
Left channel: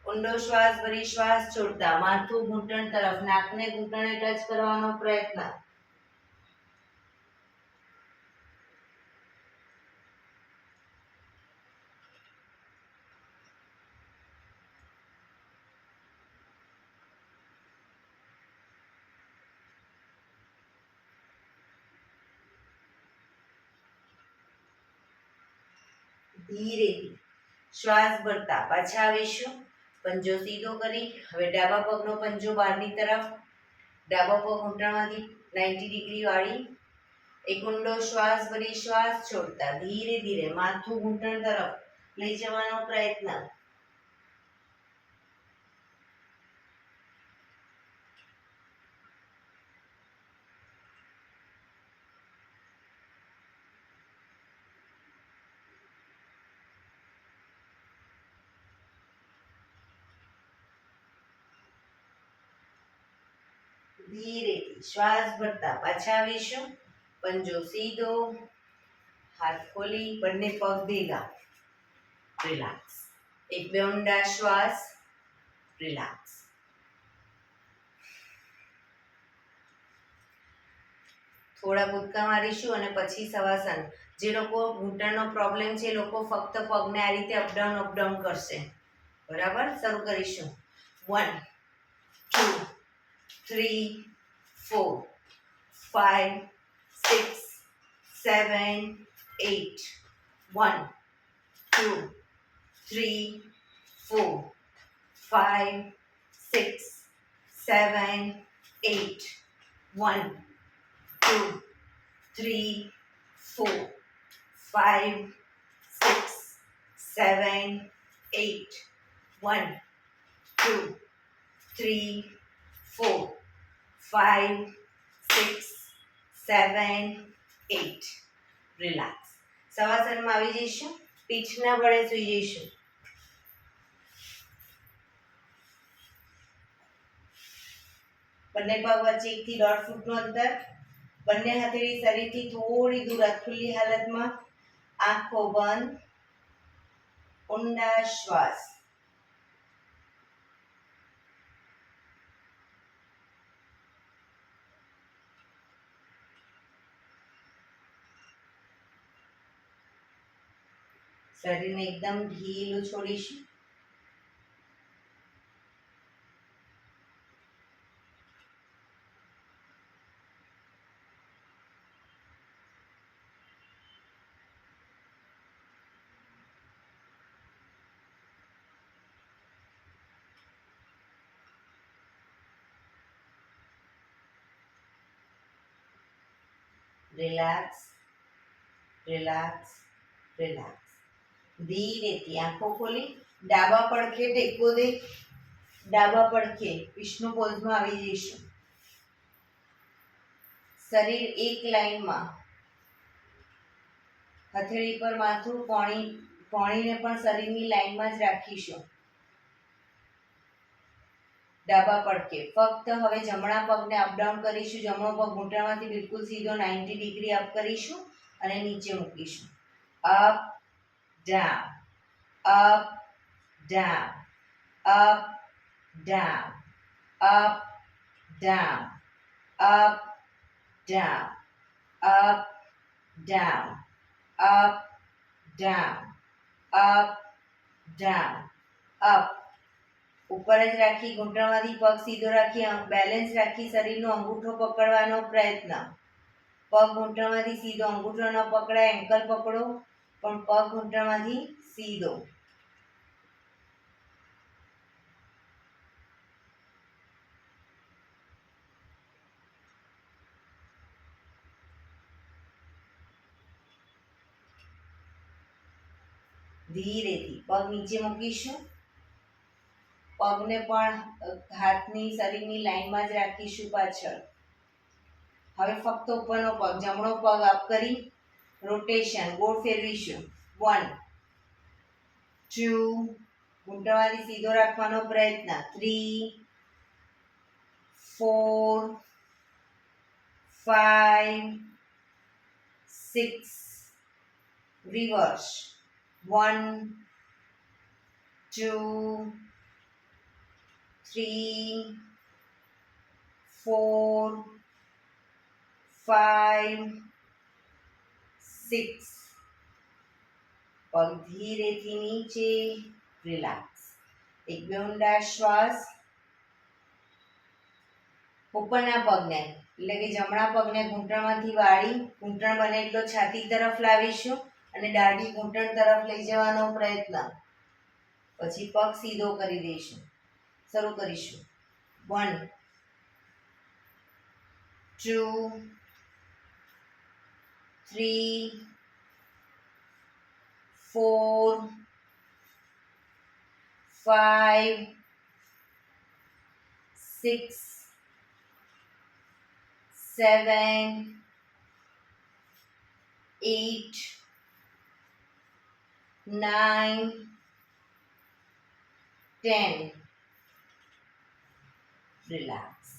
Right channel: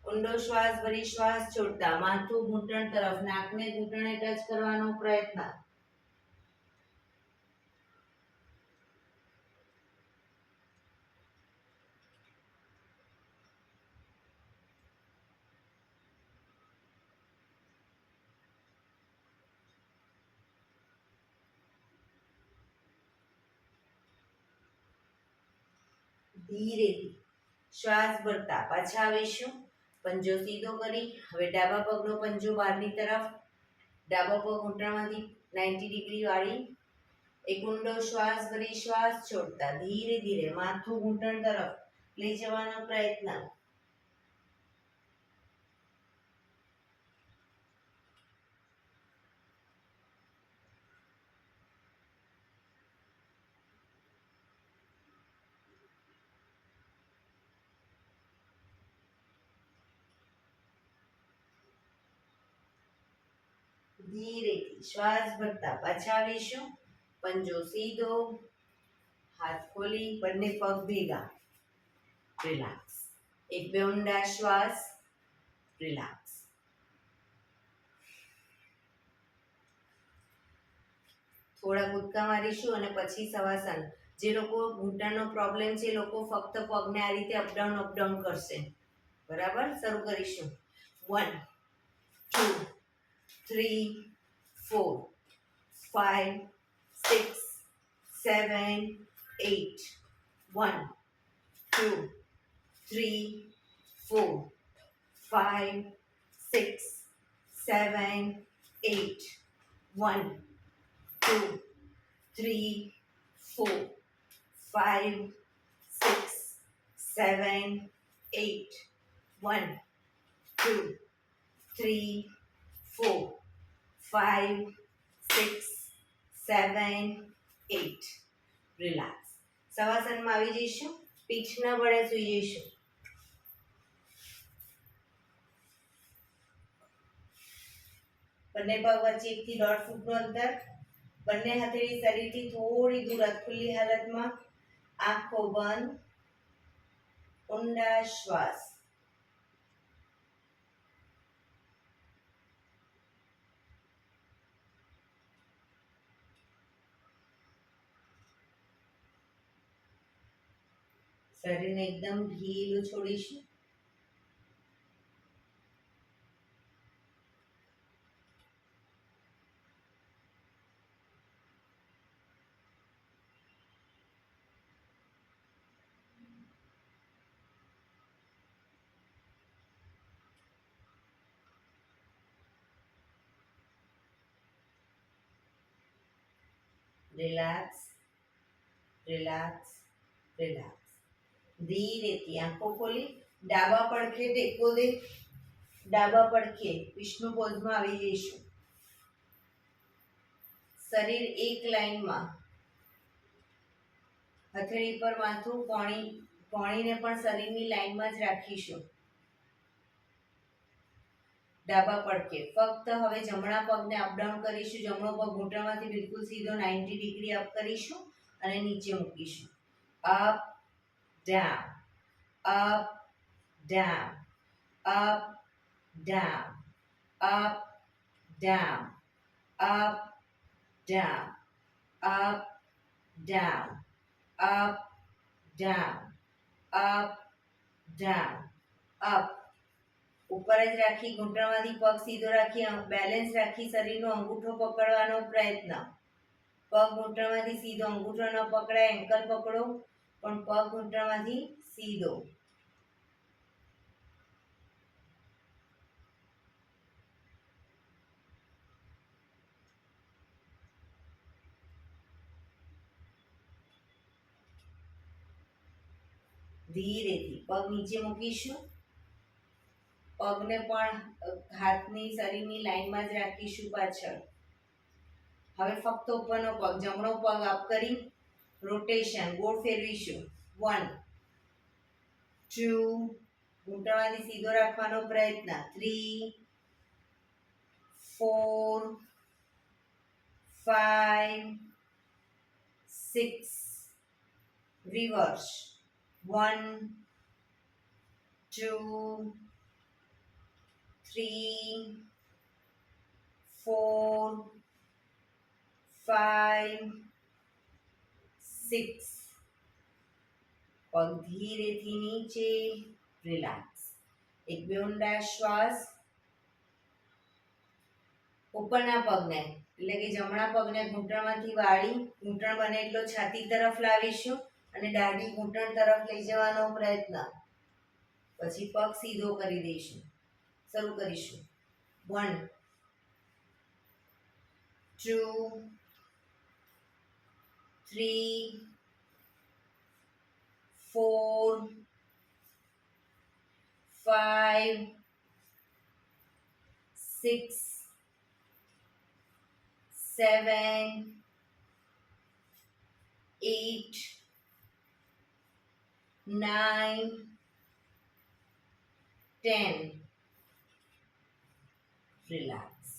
ઊંડો શ્વાસ ભરી શ્વાસ છોડતા માથું ઘૂંટણ તરફ, નાકને ઘૂંટણે ટચ કરવાનો પ્રયત્ન. ધીરેથી શ્વાસ ભરતા પાછા આવીશું. પંજો સીધો કરી હવે ડાબા પગનો પંજો બહારની તરફ, ડાબા પગ ઘૂંટણમાંથી 90 ડિગ્રી વાળી. એક ઊંડો શ્વાસ ભરી શ્વાસ છોડતા ધીરે ધીરે માથું ઘૂંટણ તરફ લઈ જવાનો પ્રયત્ન. ધીરેથી શ્વાસ ભરતા પાછા આવીશું. પંજો સીધો, હાથ ખોલી, બંને પગ ભેગા, રિલેક્સ. એક બે ઊંડા શ્વાસ, રિલેક્સ. થોડા કૂદકા મારીશું અને પછી શવાસન. જે લોકો ઘૂંટણનો પ્રોબ્લેમ છે એ લોકો ફક્ત પગને આ રીતે અપડાઉન કરશે. બરાબર, શરૂ કરીશું. 1 2 3 4 5 6 7 8 1 2 3 4 5 6 7 8 1 2 3 4 5 6 7 8 1 2 3 4 5 6 7 8. રિલેક્સ. શવાસનમાં આવી જઈશું. પીઠના બળે સૂઈ જઈશું. બંને પગ વચ્ચે 1 થી 1.5 ફૂટનું અંતર. બંને હથેળી શરીરથી થોડી દૂર ખુલ્લી હાલતમાં. આંખો બંધ. ઊંડા શ્વાસ. શરીરને એકદમ ઢીલું છોડીશું. Relax, relax, relax. ધીરેથી આંખો ખોલી ડાબા પડખે ટેકો દે. ડાબા પડખે વિષ્ણુ પોઝમાં આવી જઈશું. શરીર એક લાઈનમાં. હથેળી પર માથું, કોણીને પણ શરીરની લાઈનમાં જ રાખીશું. ડાબા પડખે ફક્ત હવે જમણા પગને અપડાઉન કરીશું. જમણો પગ ઘૂંટણમાંથી બિલકુલ સીધો 90 ડિગ્રી અપ કરીશું અને નીચે મૂકીશું. Up down, up down, up down, up down, up down, up down, up down, up down, up. ઉપર જ રાખી ઘૂંટણમાંથી પગ સીધો રાખી બેલેન્સ રાખી શરીરનો અંગૂઠો પકડવાનો પ્રયત્ન. પગ ઘૂંટણમાંથી સીધો, અંગૂઠો ન પકડાય, એન્કલ પકડો પણ પગ ઘૂંટણમાંથી સીધો. ધીરેથી પગ નીચે મૂકીશું. પગને પણ હાથની શરીરની લાઈનમાં જ રાખીશું પાછળ. હવે ફક્ત ઉપરનો પગ, જમણો પગ અપ કરી રોટેશન ગોળ ફેરવીશું. 1 2 ઘૂંટણમાંથી સીધો રાખવાનો પ્રયત્ન. 3 4 5 6 રિવર્સ. 1 2 3 4 5 6. પગ ધીરેથી નીચે. રિલેક્સ. એક બે ઊંડા શ્વાસ. ઉપરના પગને એટલે કે જમણા પગને ઘૂંટણમાંથી વાળી ઘૂંટણ બને એટલો છાતી તરફ લાવીશું અને દાઢી ઘૂંટણ તરફ લઈ જવાનો પ્રયત્ન. પછી પગ સીધો કરી દઈશું. શરૂ કરીશું. 1 2 3 4 5 6 7 8 9 10. રિલેક્સ.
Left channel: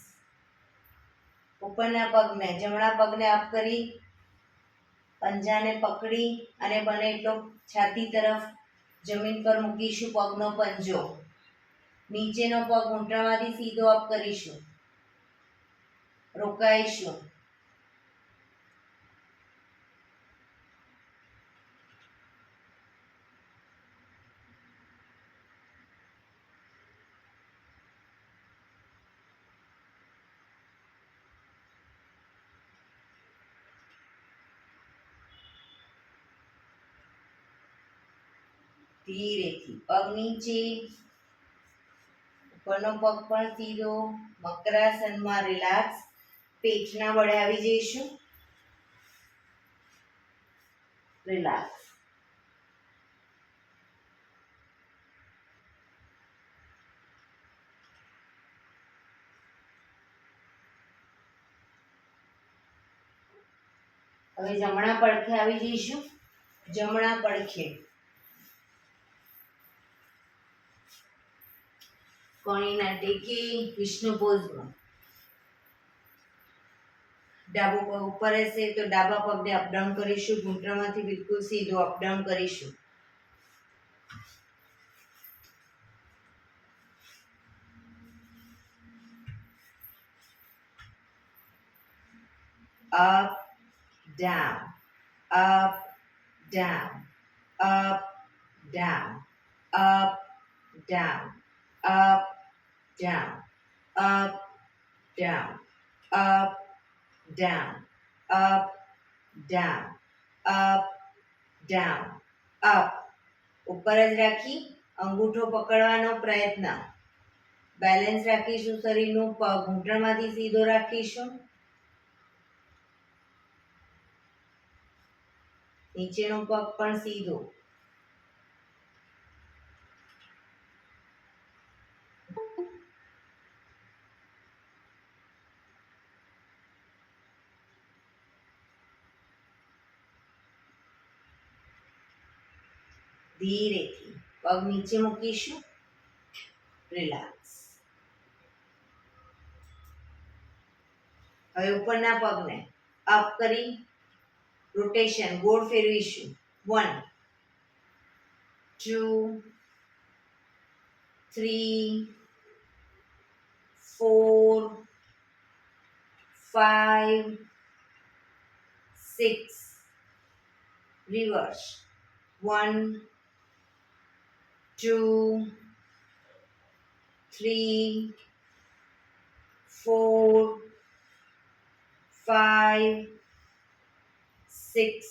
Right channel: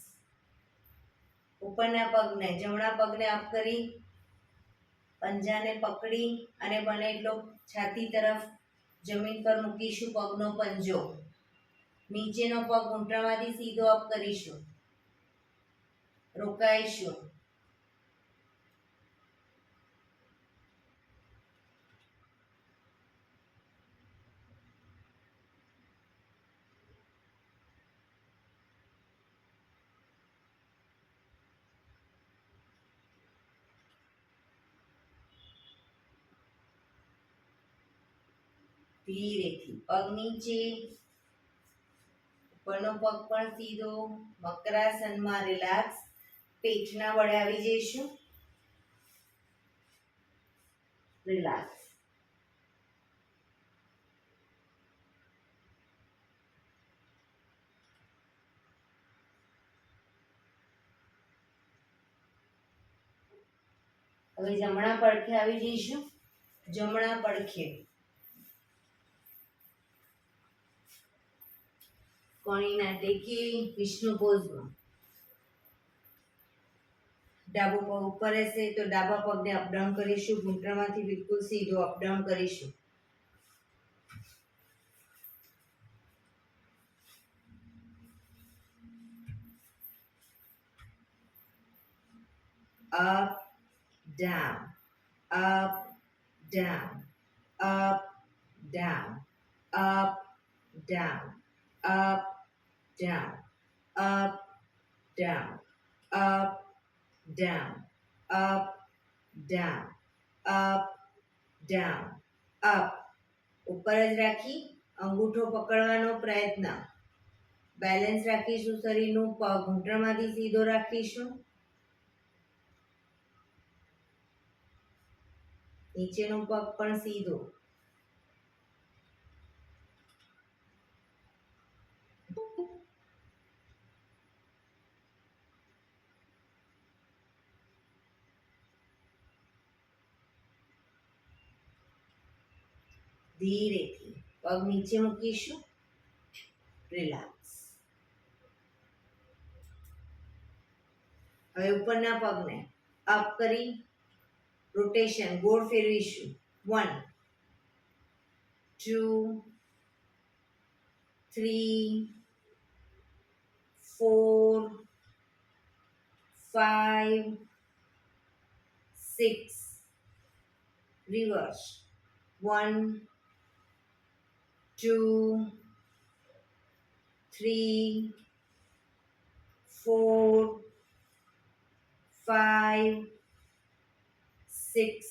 ઉપરના પગને જમણા પગને અપ કરી પંજાને પકડી અને બને એટલો છાતી તરફ જમીન પર મૂકીશું. પગનો પંજો નીચેનો પગ ઘૂંટણમાંથી સીધો અપ કરીશું. રોકાઈશું. ધીરેથી પગ નીચે, ઉપરનો પગ પણ સીધો. મકરાસનમાં રિલેક્સ. પેટના બળે આવી જઈશું. રિલેક્સ. હવે જમણા પડખે આવી જઈશું. જમણા પડખે કણીના ટેકે વિષ્ણુ પોઝમાં. ડાબો પગ ઉપર હશે તો ડાબા પગને અપડાઉન કરીશું. ઘૂંટણમાંથી બિલકુલ સીધો અપડાઉન કરીશું. up down, up down, up down, up down, up down, up down, up down, up down, up down, up. ઉપર જ રાખી અંગૂઠો પકડવાનો પ્રયત્ન. બેલેન્સ રાખીશું. શરીરનું પગ ઘૂંટણમાંથી સીધો રાખીશું. નીચેનો પગ પણ સીધો. ધીરેથી પગ નીચે મૂકીશું. રિલેક્સ. હવે ઉપરના પગને અપ કરી રોટેશન ગોળ ફેરવીશું. 1 2 3 4 5 6. રિવર્સ. 1 2 3 4 5 6.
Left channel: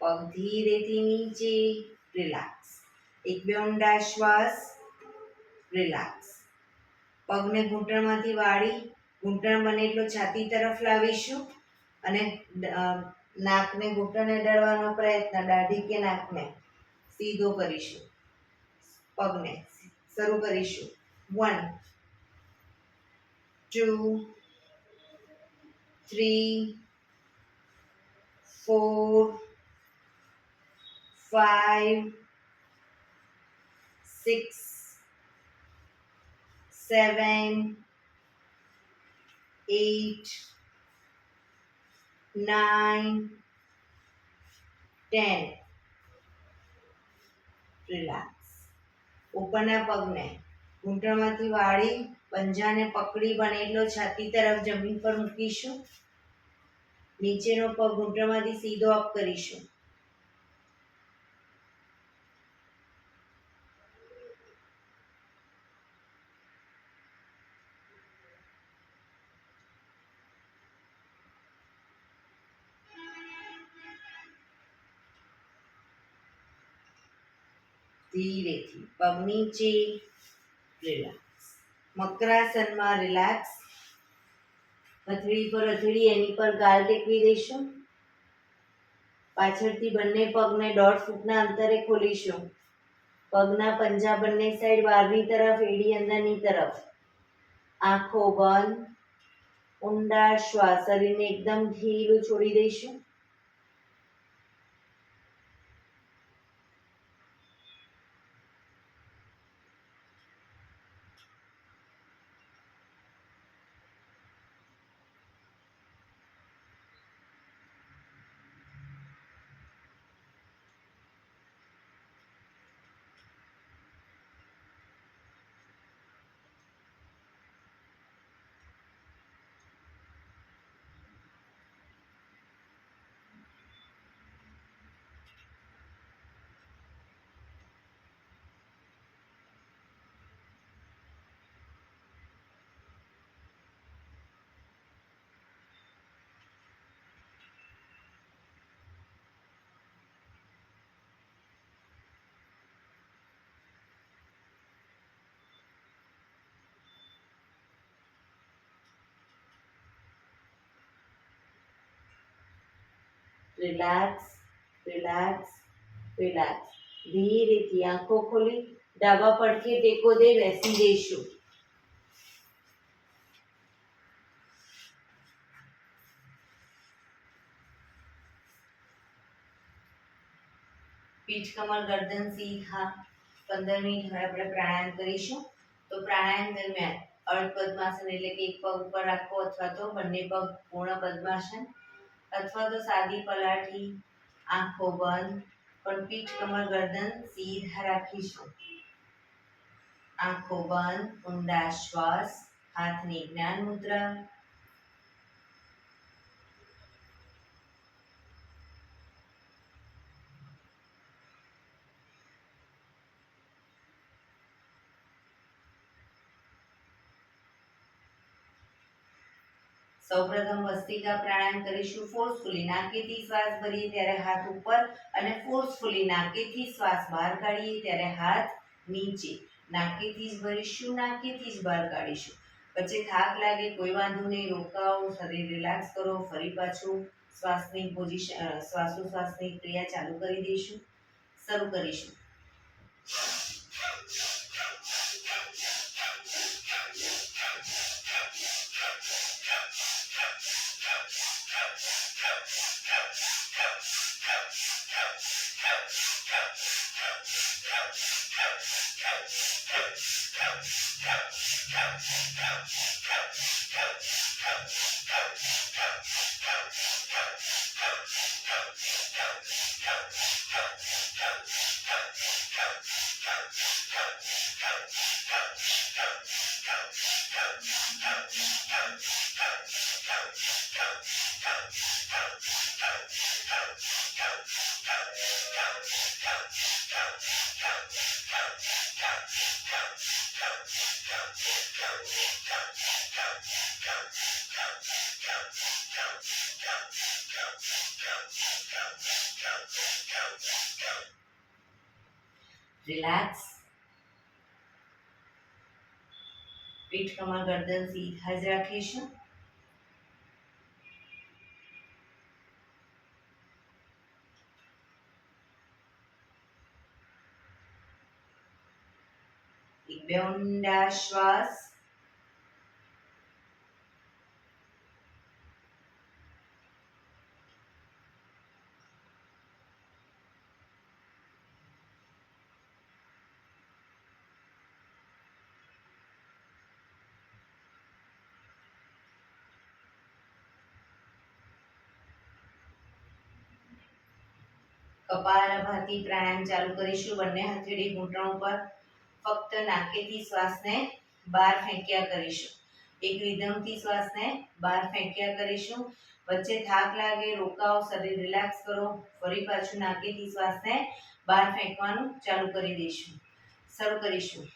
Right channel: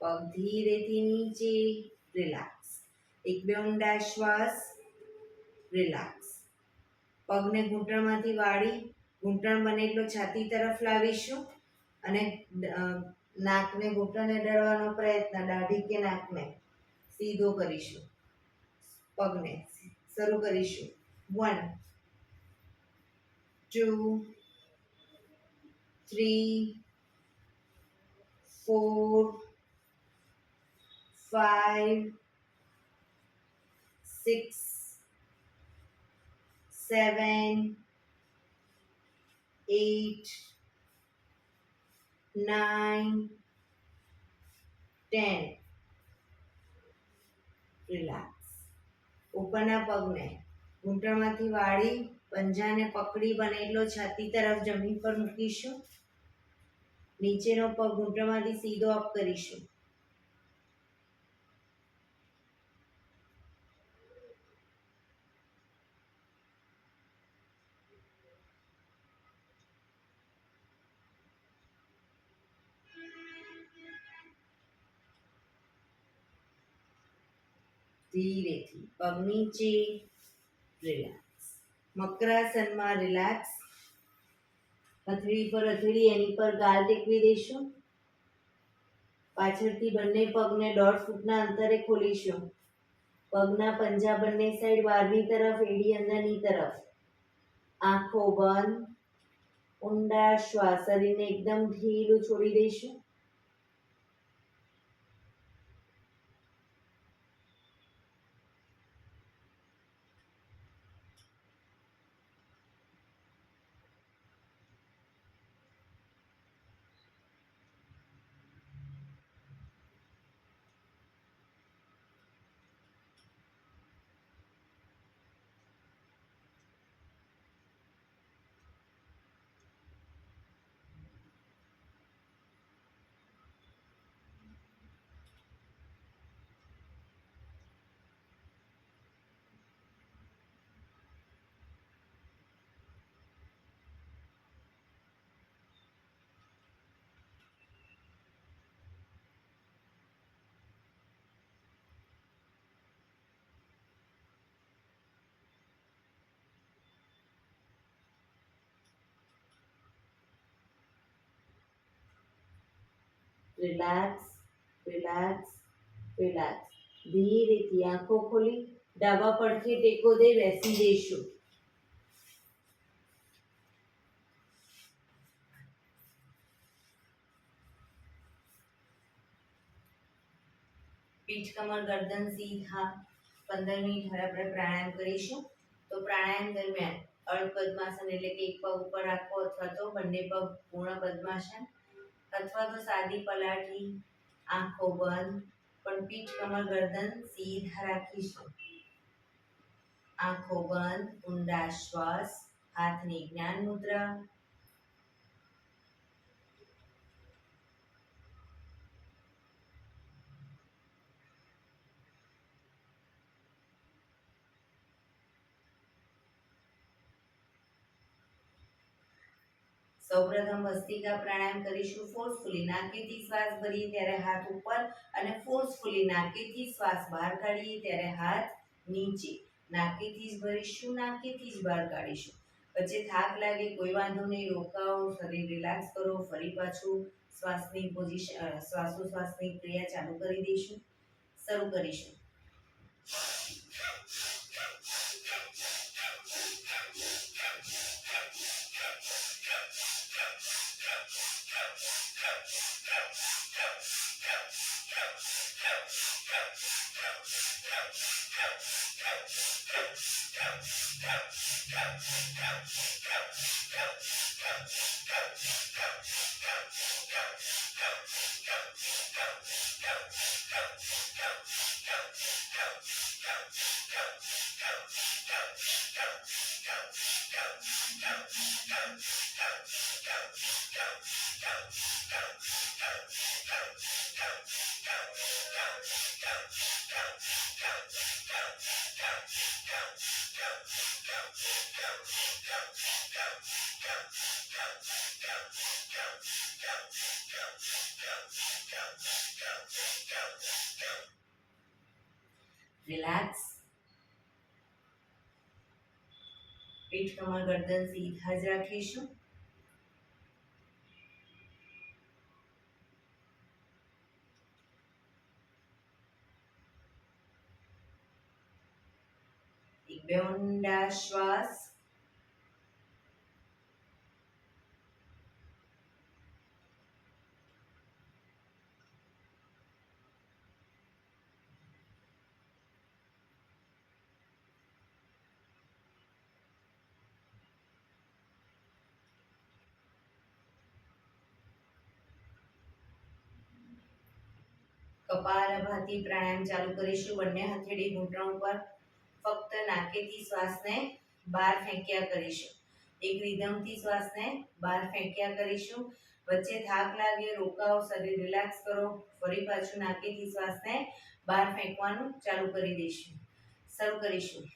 પગ ધીરેથી નીચે. રિલેક્સ. એક બે ઊંડા શ્વાસ. રિલેક્સ. પગને ઘૂંટણમાંથી વાળી ઘૂંટણ બને એટલો છાતી તરફ લાવીશું અને નાકને ઘૂંટણને અડાડવાનો પ્રયત્ન. દાઢી કે નાકને સીધો કરીશું. પગને શરૂ કરીશું. 1 2 3 4 5 6 7 8 9 10. રિલેક્સ. ઉપરના પગને ઘૂંટણમાંથી વાળી પંજાને પકડી બને એટલો છાતી તરફ જમીન પર મૂકીશું. નીચેનો પગ ઘૂંટણમાંથી સીધો અપ કરીશું. ધીરેથી પગ નીચે, રિલેક્સ. મકરાસનમાં રિલેક્સ. હથેળી પર હથેળી, એની પર ગાલ ટેકવી દઈશું. પાછળથી બંને પગને 1.5 ફૂટના અંતરે ખોલીશું. પગના પંજા બંને સાઈડ બહારની તરફ, એડી અંદરની તરફ. આંખો બંધ. ઊંડા શ્વાસ, શરીરને એકદમ ઢીલું છોડી દઈશું. Relax, relax, relax. ધીરેથી આંખો ખોલી ડાબા પડખે ટેકો દે બેસી જઈશું. પીઠ કમર ગરદન સીધા. 15 મિનિટ હવે આપણે પ્રાણાયામ કરીશું. તો પ્રાણાયામ દરમિયાન અર્ધ પદ્માસન એટલે કે એક પગ ઉપર રાખો, અથવા તો બંને પગ પૂર્ણ પદ્માસન, અથવા તો સાદી પલાઠી, આંખો બંધ, પણ પીઠ કમર ગરદન સીધા રાખીશું. આંખો બંધ, ઊંડા શ્વાસ, હાથની જ્ઞાન મુદ્રા. સૌપ્રથમ ભસ્ત્રિકા પ્રાણાયામ કરીશું. ફોર્સફુલી નાકેથી શ્વાસ ભરીએ ત્યારે હાથ ઉપર, અને ફોર્સફુલી નાકેથી શ્વાસ બહાર કાઢીએ ત્યારે હાથ નીચે. નાકેથી જ ભરીશું, નાકેથી જ બહાર કાઢીશું. વચ્ચે થાક લાગે કોઈ વાંધો નહીં, રોકાઓ, શરીર રિલેક્સ કરો, ફરી પાછું શ્વાસની પોઝિશન, શ્વાસોશ્વાસની ક્રિયા ચાલુ કરી દઈશું. શરૂ કરીશું. રિલેક્સ. પીઠ કમર ગરદન સીધા જ રાખીશું. એક બે ઊંડા શ્વાસ. કપાલભાતિ પ્રાણાયામ ચાલુ કરીશું. બંને હથેળી ઘૂંટણ ઉપર. ફક્ત નાકેથી શ્વાસને બહાર ફેંક્યા કરીશું. એક રિધમથી શ્વાસને બહાર ફેંક્યા કરીશું. વચ્ચે થાક લાગે, રોકાઓ, શરીર રિલેક્સ કરો, ફરી પાછું નાકેથી શ્વાસને બહાર ફેંકવાનું ચાલુ કરી દઈશું. શરૂ કરીશું.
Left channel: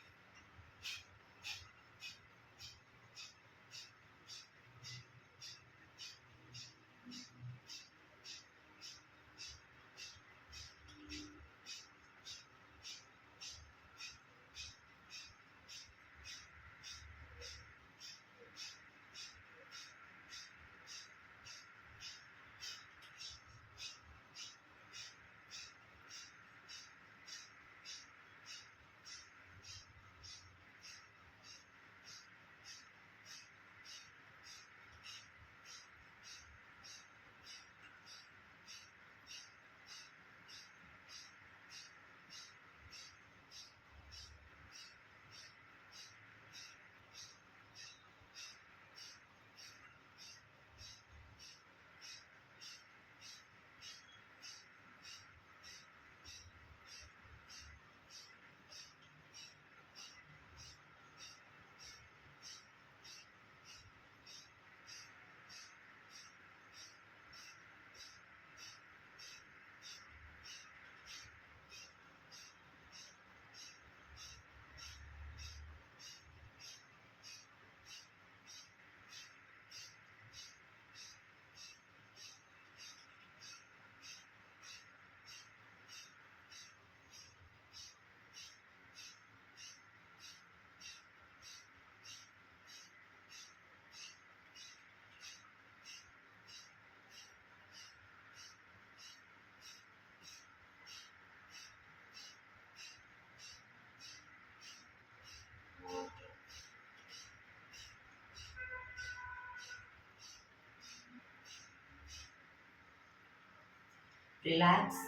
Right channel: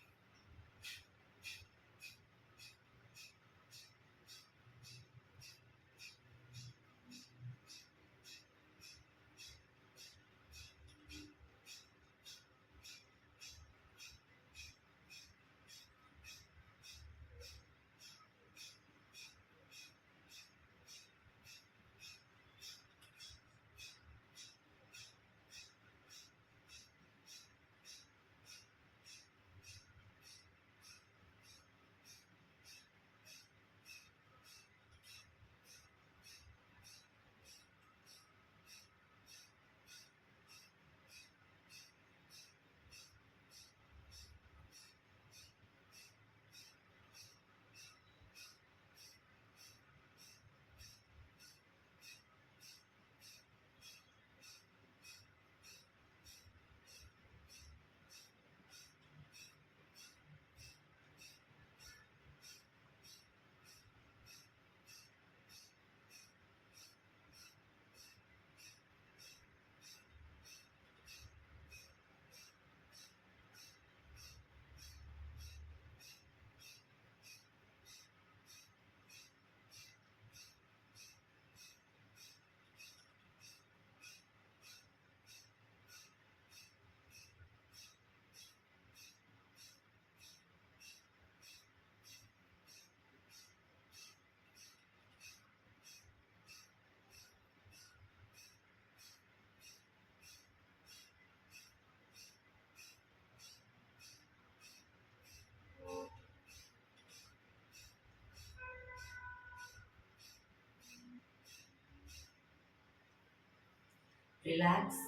રિલેક્સ.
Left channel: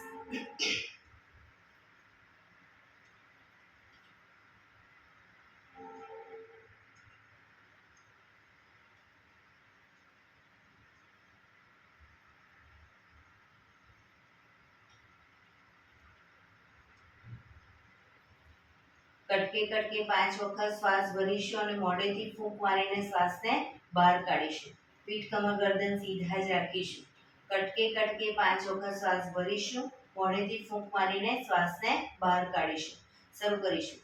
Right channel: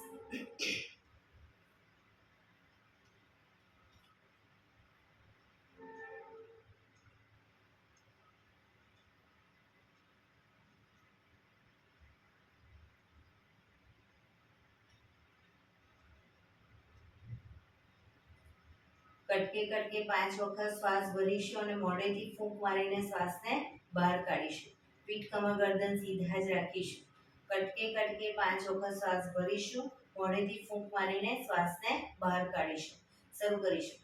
કટકે કટકે 5 વખત શ્વાસ ભરીશું અને મોઢેથી ફૂંક મારીને શ્વાસને બહાર કાઢીશું. પીઠ કમર ગરદન સીધા જ રાખીશું. કટકે કટકે 5 વખત શ્વાસ ભરીશું, મોઢેથી ફૂંક મારીને શ્વાસને બહાર કાઢીશું. શરૂ કરીશું.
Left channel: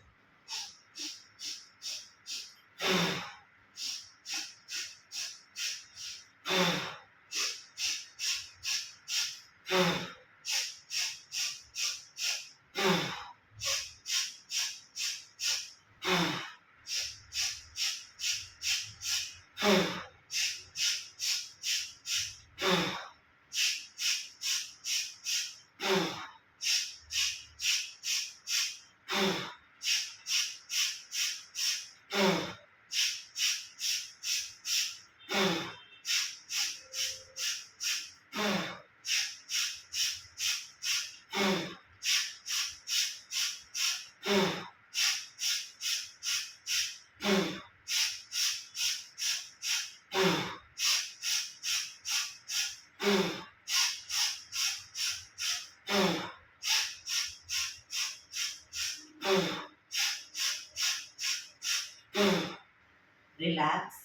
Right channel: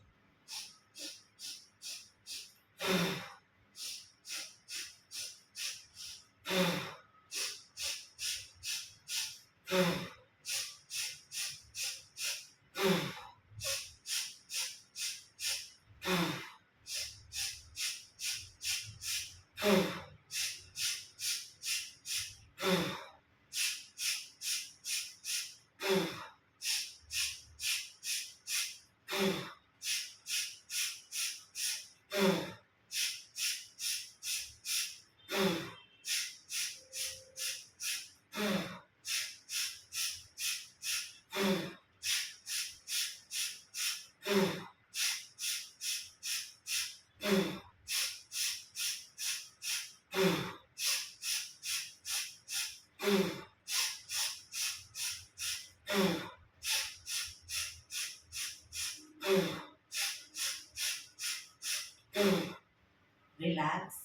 રિલેક્સ.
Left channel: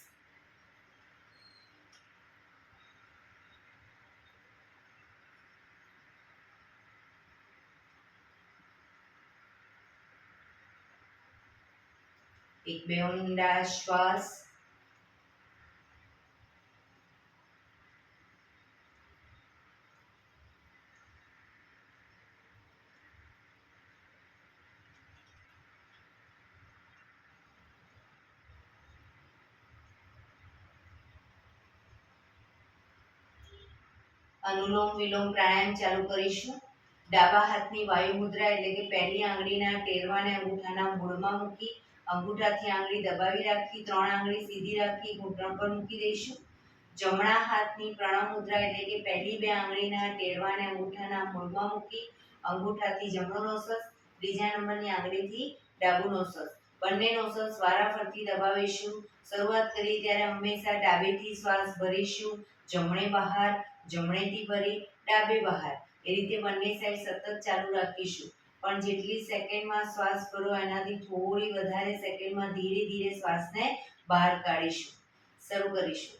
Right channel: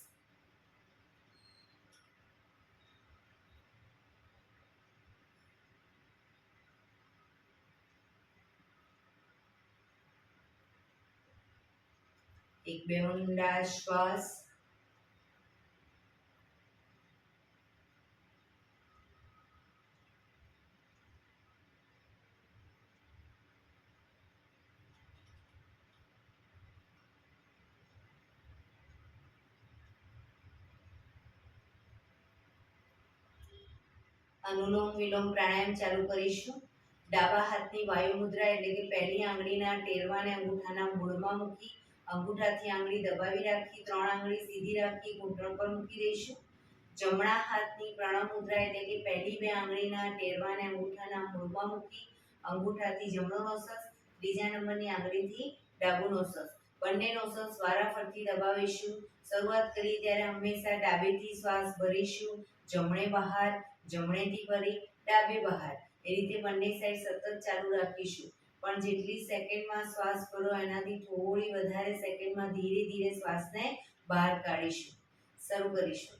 એક બે ઊંડા શ્વાસ. અનુલોમ વિલોમ પ્રાણાયામ ચાલુ કરીશું. ડાબા હાથની વાયુ મુદ્રા એટલે કે પહેલી આંગળીના ટેરવાને અંગૂઠાના મૂળમાં મૂકી અંગૂઠાથી આંગળી દબાવી રાખી 3 આંગળી સીધી રાખી ઘૂંટણ પર મૂકી દઈશું. જમણા હાથની પ્રણવ મુદ્રા એટલે કે પહેલી 2 આંગળીના ટેરવાને અંગૂઠાના મૂળમાં મૂકી અંગૂઠાથી જમણો નોસસ, ત્રીજા નંબરની આંગળીથી ડાબુ નોસસ, બંને નોસસ વારાફરતી દબાવીશું. શરૂઆત કરી ત્યારે હંમેશા ડાબેથી શ્વાસ ભરીશું, જમણે બહાર, જમણેથી ભરી ડાબે બહાર, એ રીતે બંને સાઈડ સતત ચાલુ રાખીશું. પણ જેટલી સેકન્ડમાં શ્વાસ ભરો એનાથી થોડી વધારે સેકન્ડમાં ધીરે ધીરે શ્વાસને બહાર કાઢીશું. શરૂ કરીશું.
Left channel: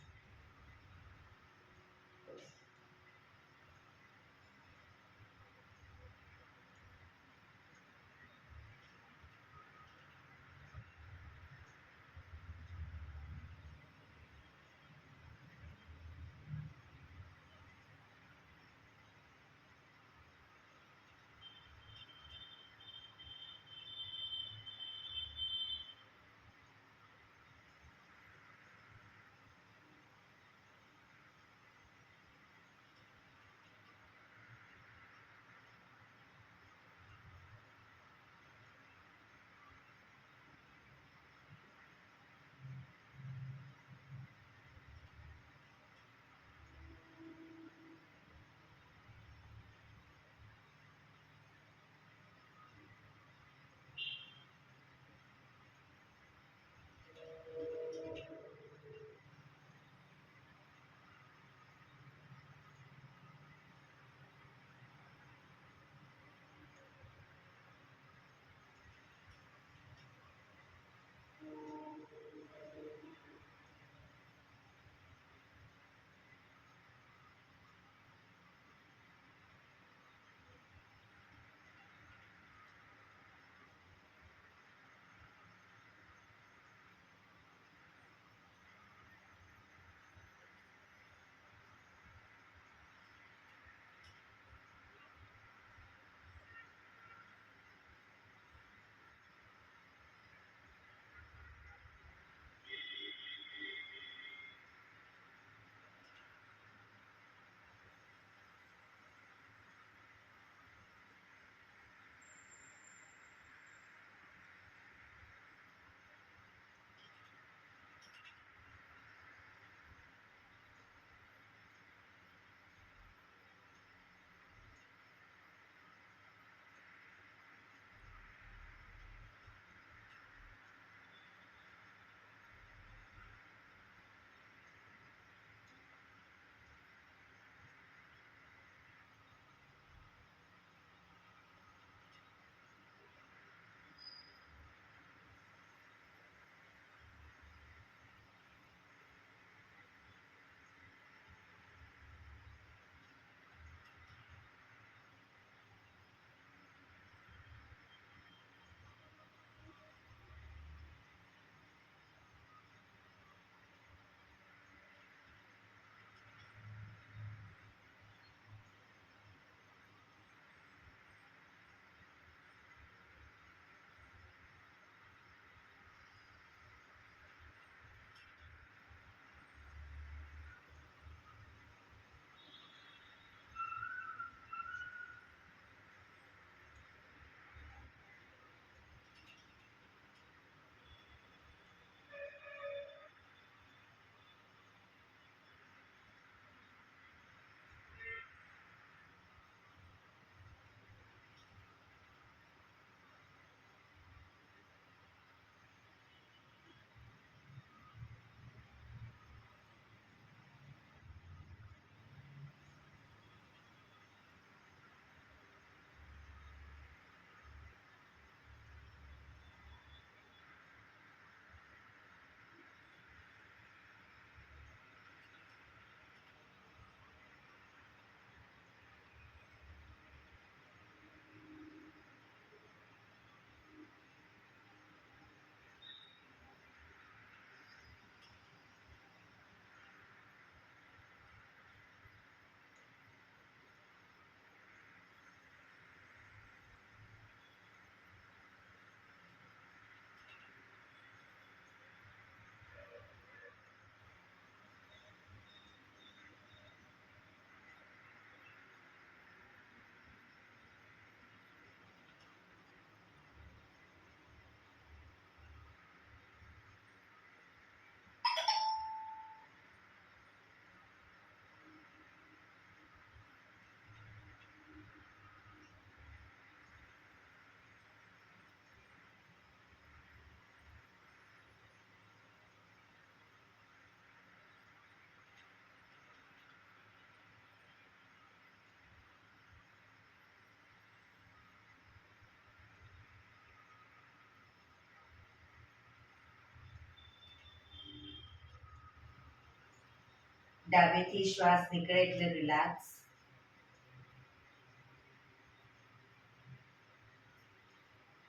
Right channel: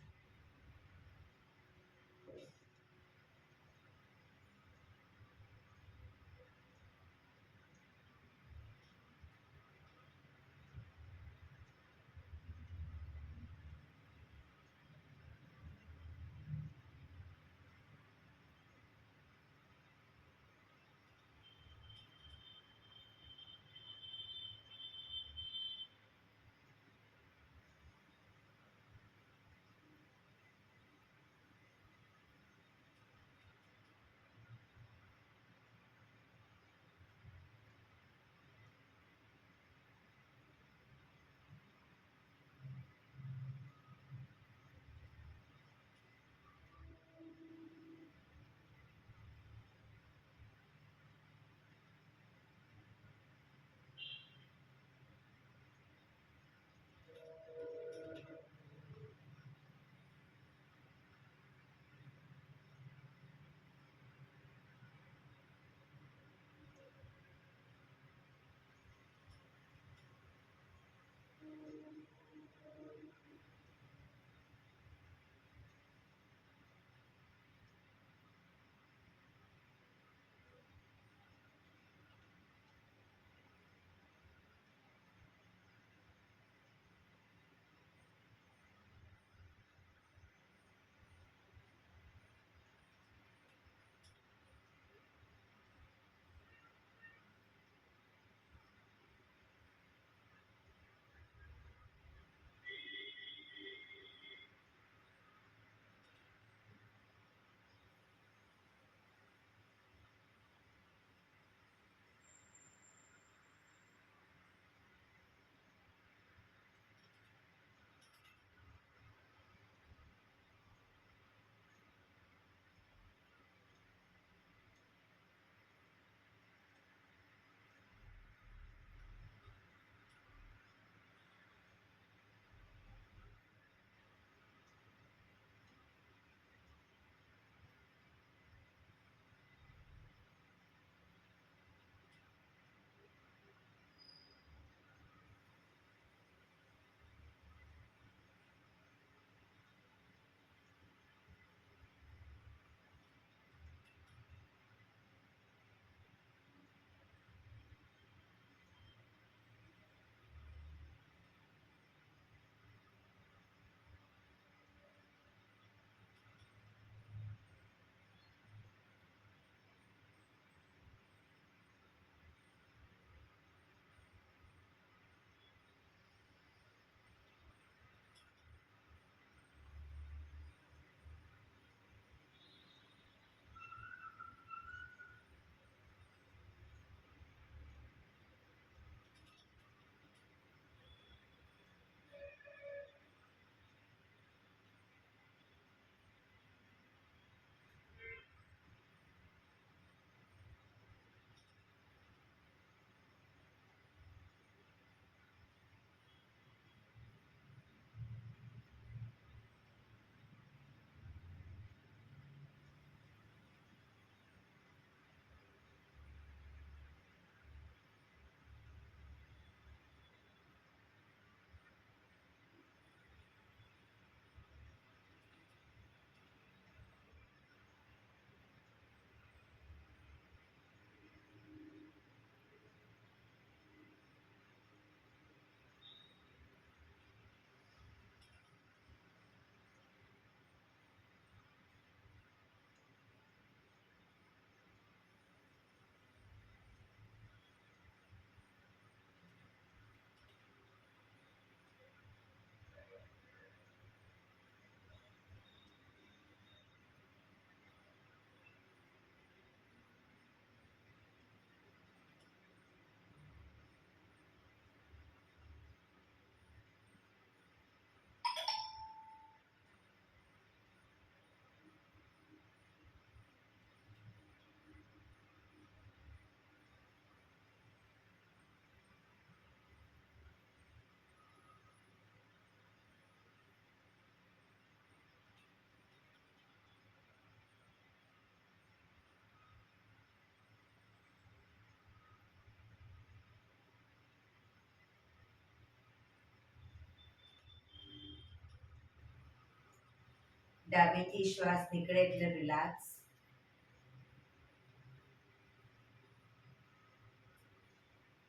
ડાબેથી શ્વાસ નીકળે એટલે રિલેક્સ.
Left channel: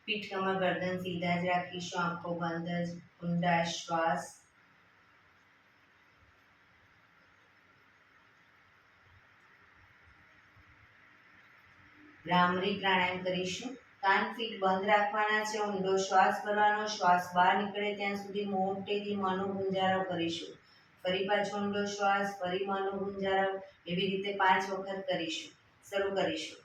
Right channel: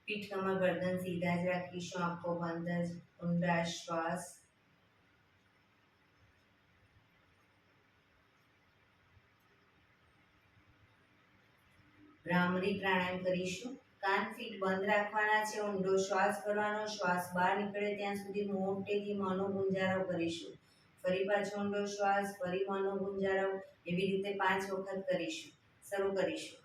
પીઠ કમર ગરદન સીધા જ રાખીશું, આંખો બંધ જ. ઊંડા શ્વાસ. ભ્રામરી પ્રાણાયામ કરીશું. કાન ફીટ બંધ રાખવાના છે, ઊંડો શ્વાસ કરવાનો, શ્વાસ બહાર નીકળે ત્યાં સુધી મોટેથી મોંનો ગુંજારો કરીશું. ફરી પાછો ઊંડો શ્વાસ, ફરી મોંનો ગુંજારો, એવી રીતે 5 વખત કરીશું. શરૂ કરીશું.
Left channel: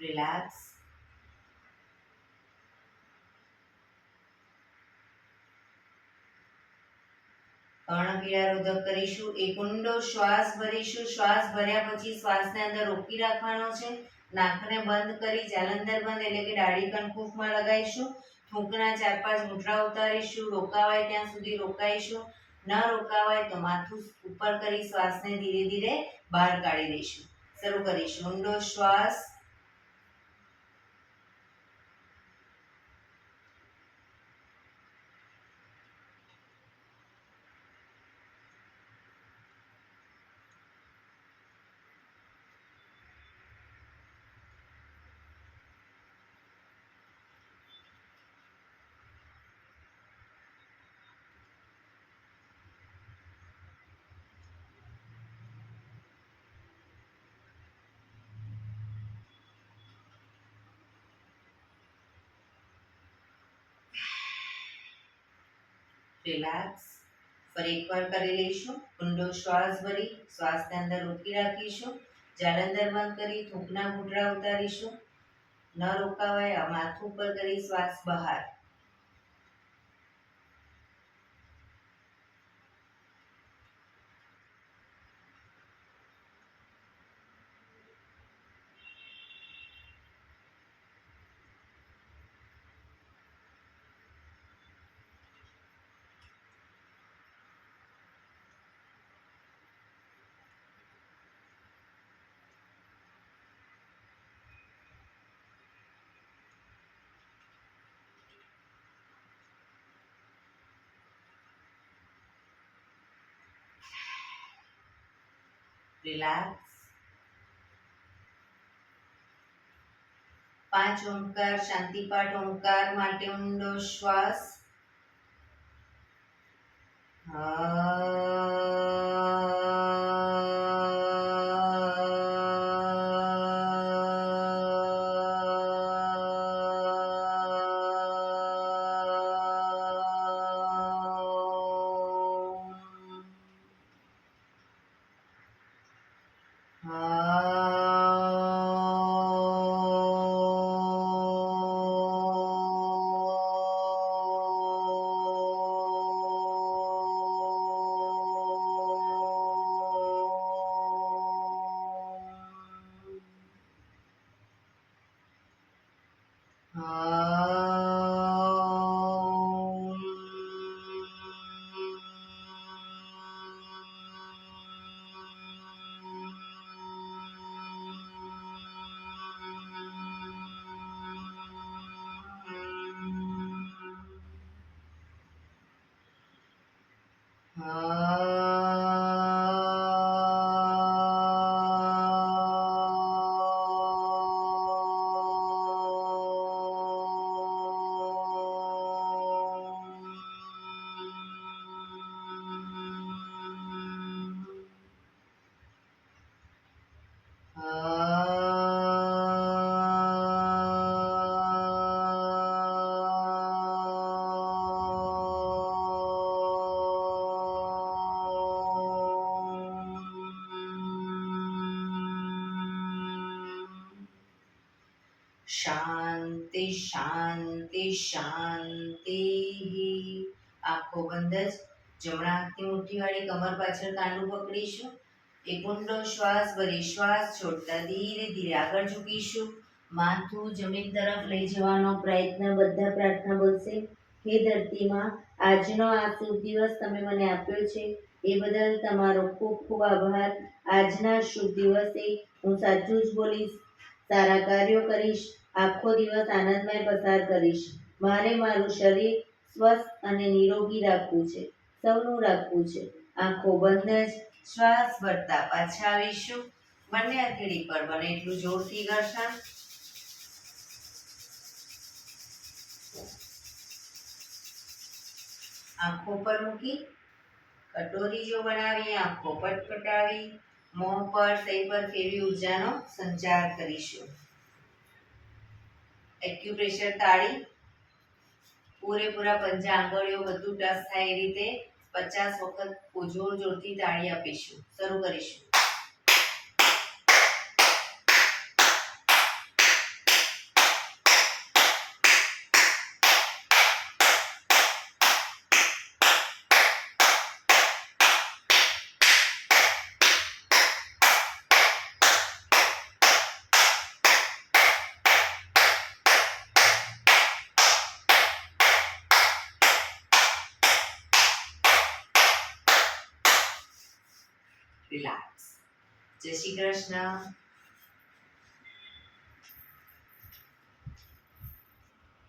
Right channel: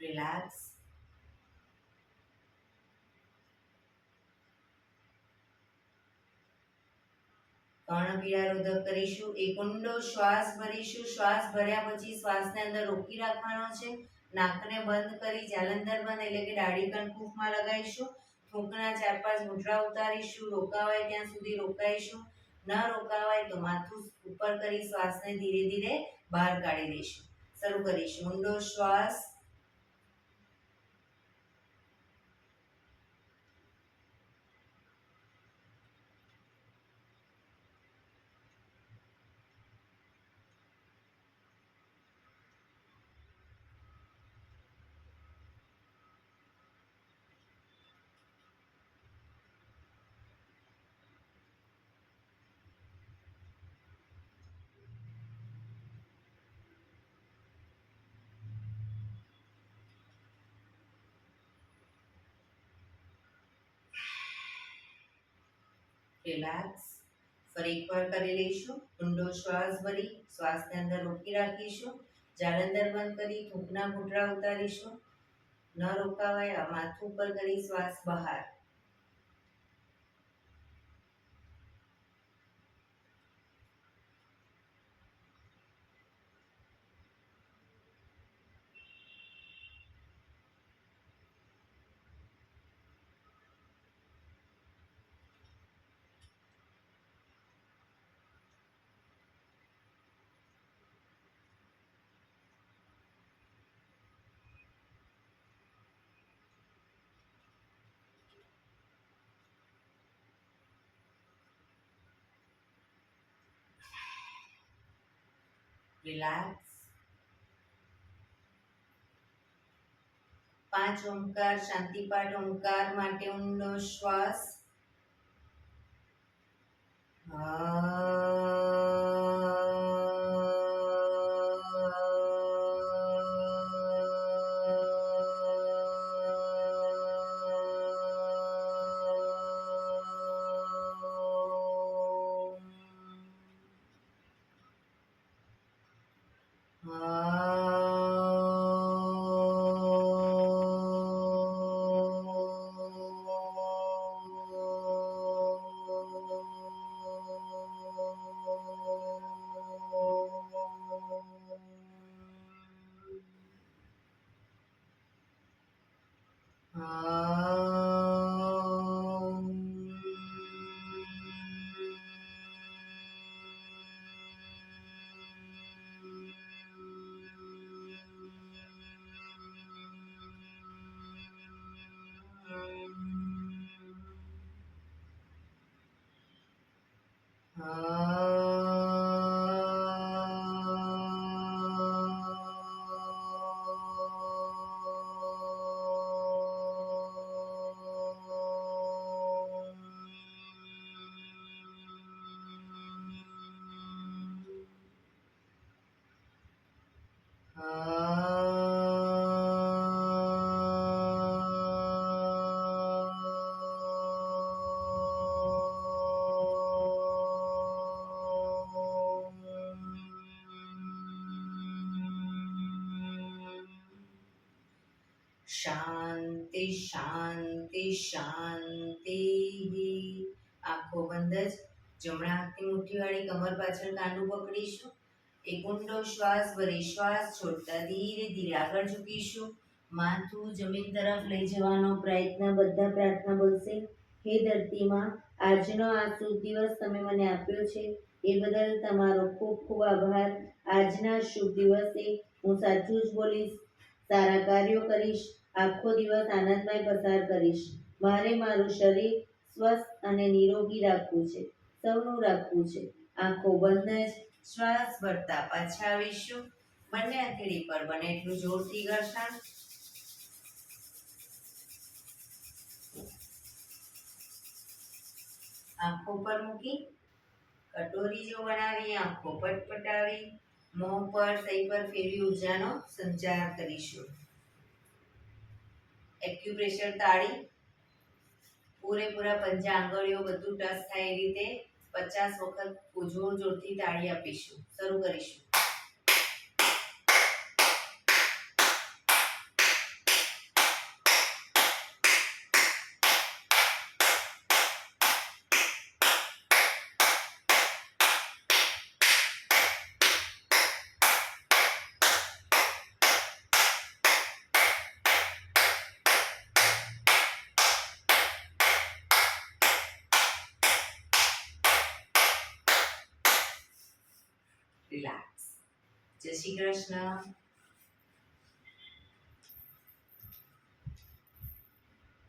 રિલેક્સ. કર્ણપીળારોધક કરીશું. એક ઊંડો શ્વાસ ભરીશું. શ્વાસ ભર્યા પછી શ્વાસને અંદર રોકી રાખવાનો છે. નાકને બંધ કરી જાલંધર બંધ એટલે કે દાઢી કનકુફમાં લગાવીશું. થૂંકના 4-5 મુઠ્ઠા ઉતારીશું. રોકાવાય ત્યાં સુધી રોકાઈશું. ન રોકાવાય તો માથું ઉપર કરી શ્વાસને ધીરે ધીરે બહાર કાઢી દઈશું. શરૂ કરીશું. ઊંડો શ્વાસ. રિલેક્સ. ફરી એકવાર કરી લઈશું. ઊંડો શ્વાસ ભરી શ્વાસને અંદર રોકી રાખીશું. જાલંધર બંધ કરી થૂંકના ઘૂંટડા ઉતારીશું. ન રોકાવાય માથું ઉપર કરી શ્વાસ બહાર. રિલેક્સ. 5 ઓમકાર શાંતિપાઠ. ઓમકાર માટે ઊંડો શ્વાસ. શાંતિ શાંતિ શાંતિ. આંખો બંધ જ જમણા હાથની મુઠ્ઠીવાળી કમર પાછળ કાંડું પકડીશું. એક ઊંડો શ્વાસ ભરી શ્વાસ છોડતા ધીરે ધીરે આગળ ઝૂકીશું. માથું જમીન તરફ લઈ જવાનો પ્રયત્ન. બધા પ્રાર્થના બોલશે. હે ધરતીમાં, આજનો આ શુભ દિવસ તમે મને આપ્યો છે એ બદલ તમારો ખૂબ ખૂબ આભાર. આજના શુભ દિવસે હું સાચું જ બોલીશ, સારા કાર્યો કરીશ, આખો દિવસ આનંદમય પસાર કરીશ. મારે મારું શરીર સ્વસ્થ અને નિરોગી રાખવું છે, સૌનું રાખવું છે. આંખો બંધ જ શ્વાસ ભરતા પાછા આવીશું. બંને હથેળી પર બને એટલું જોરથી ઘર્ષણ. આંખો પર મૂકી કટોરી જો બનાવી આંખો પટપટાવી મોં પર સહી પર ફેરવી ઉર્જાનો સંચાર કરીશું. એક્યુપ્રેશર તાળી પૂરેપૂરા પંચાંગળીઓ બધું ટચ થાય એ રીતે 50 વખત જોર જોરથી તાળી આપીશું. શરૂ કરીશું. રિલેક્સ. જય શ્રી કૃષ્ણ.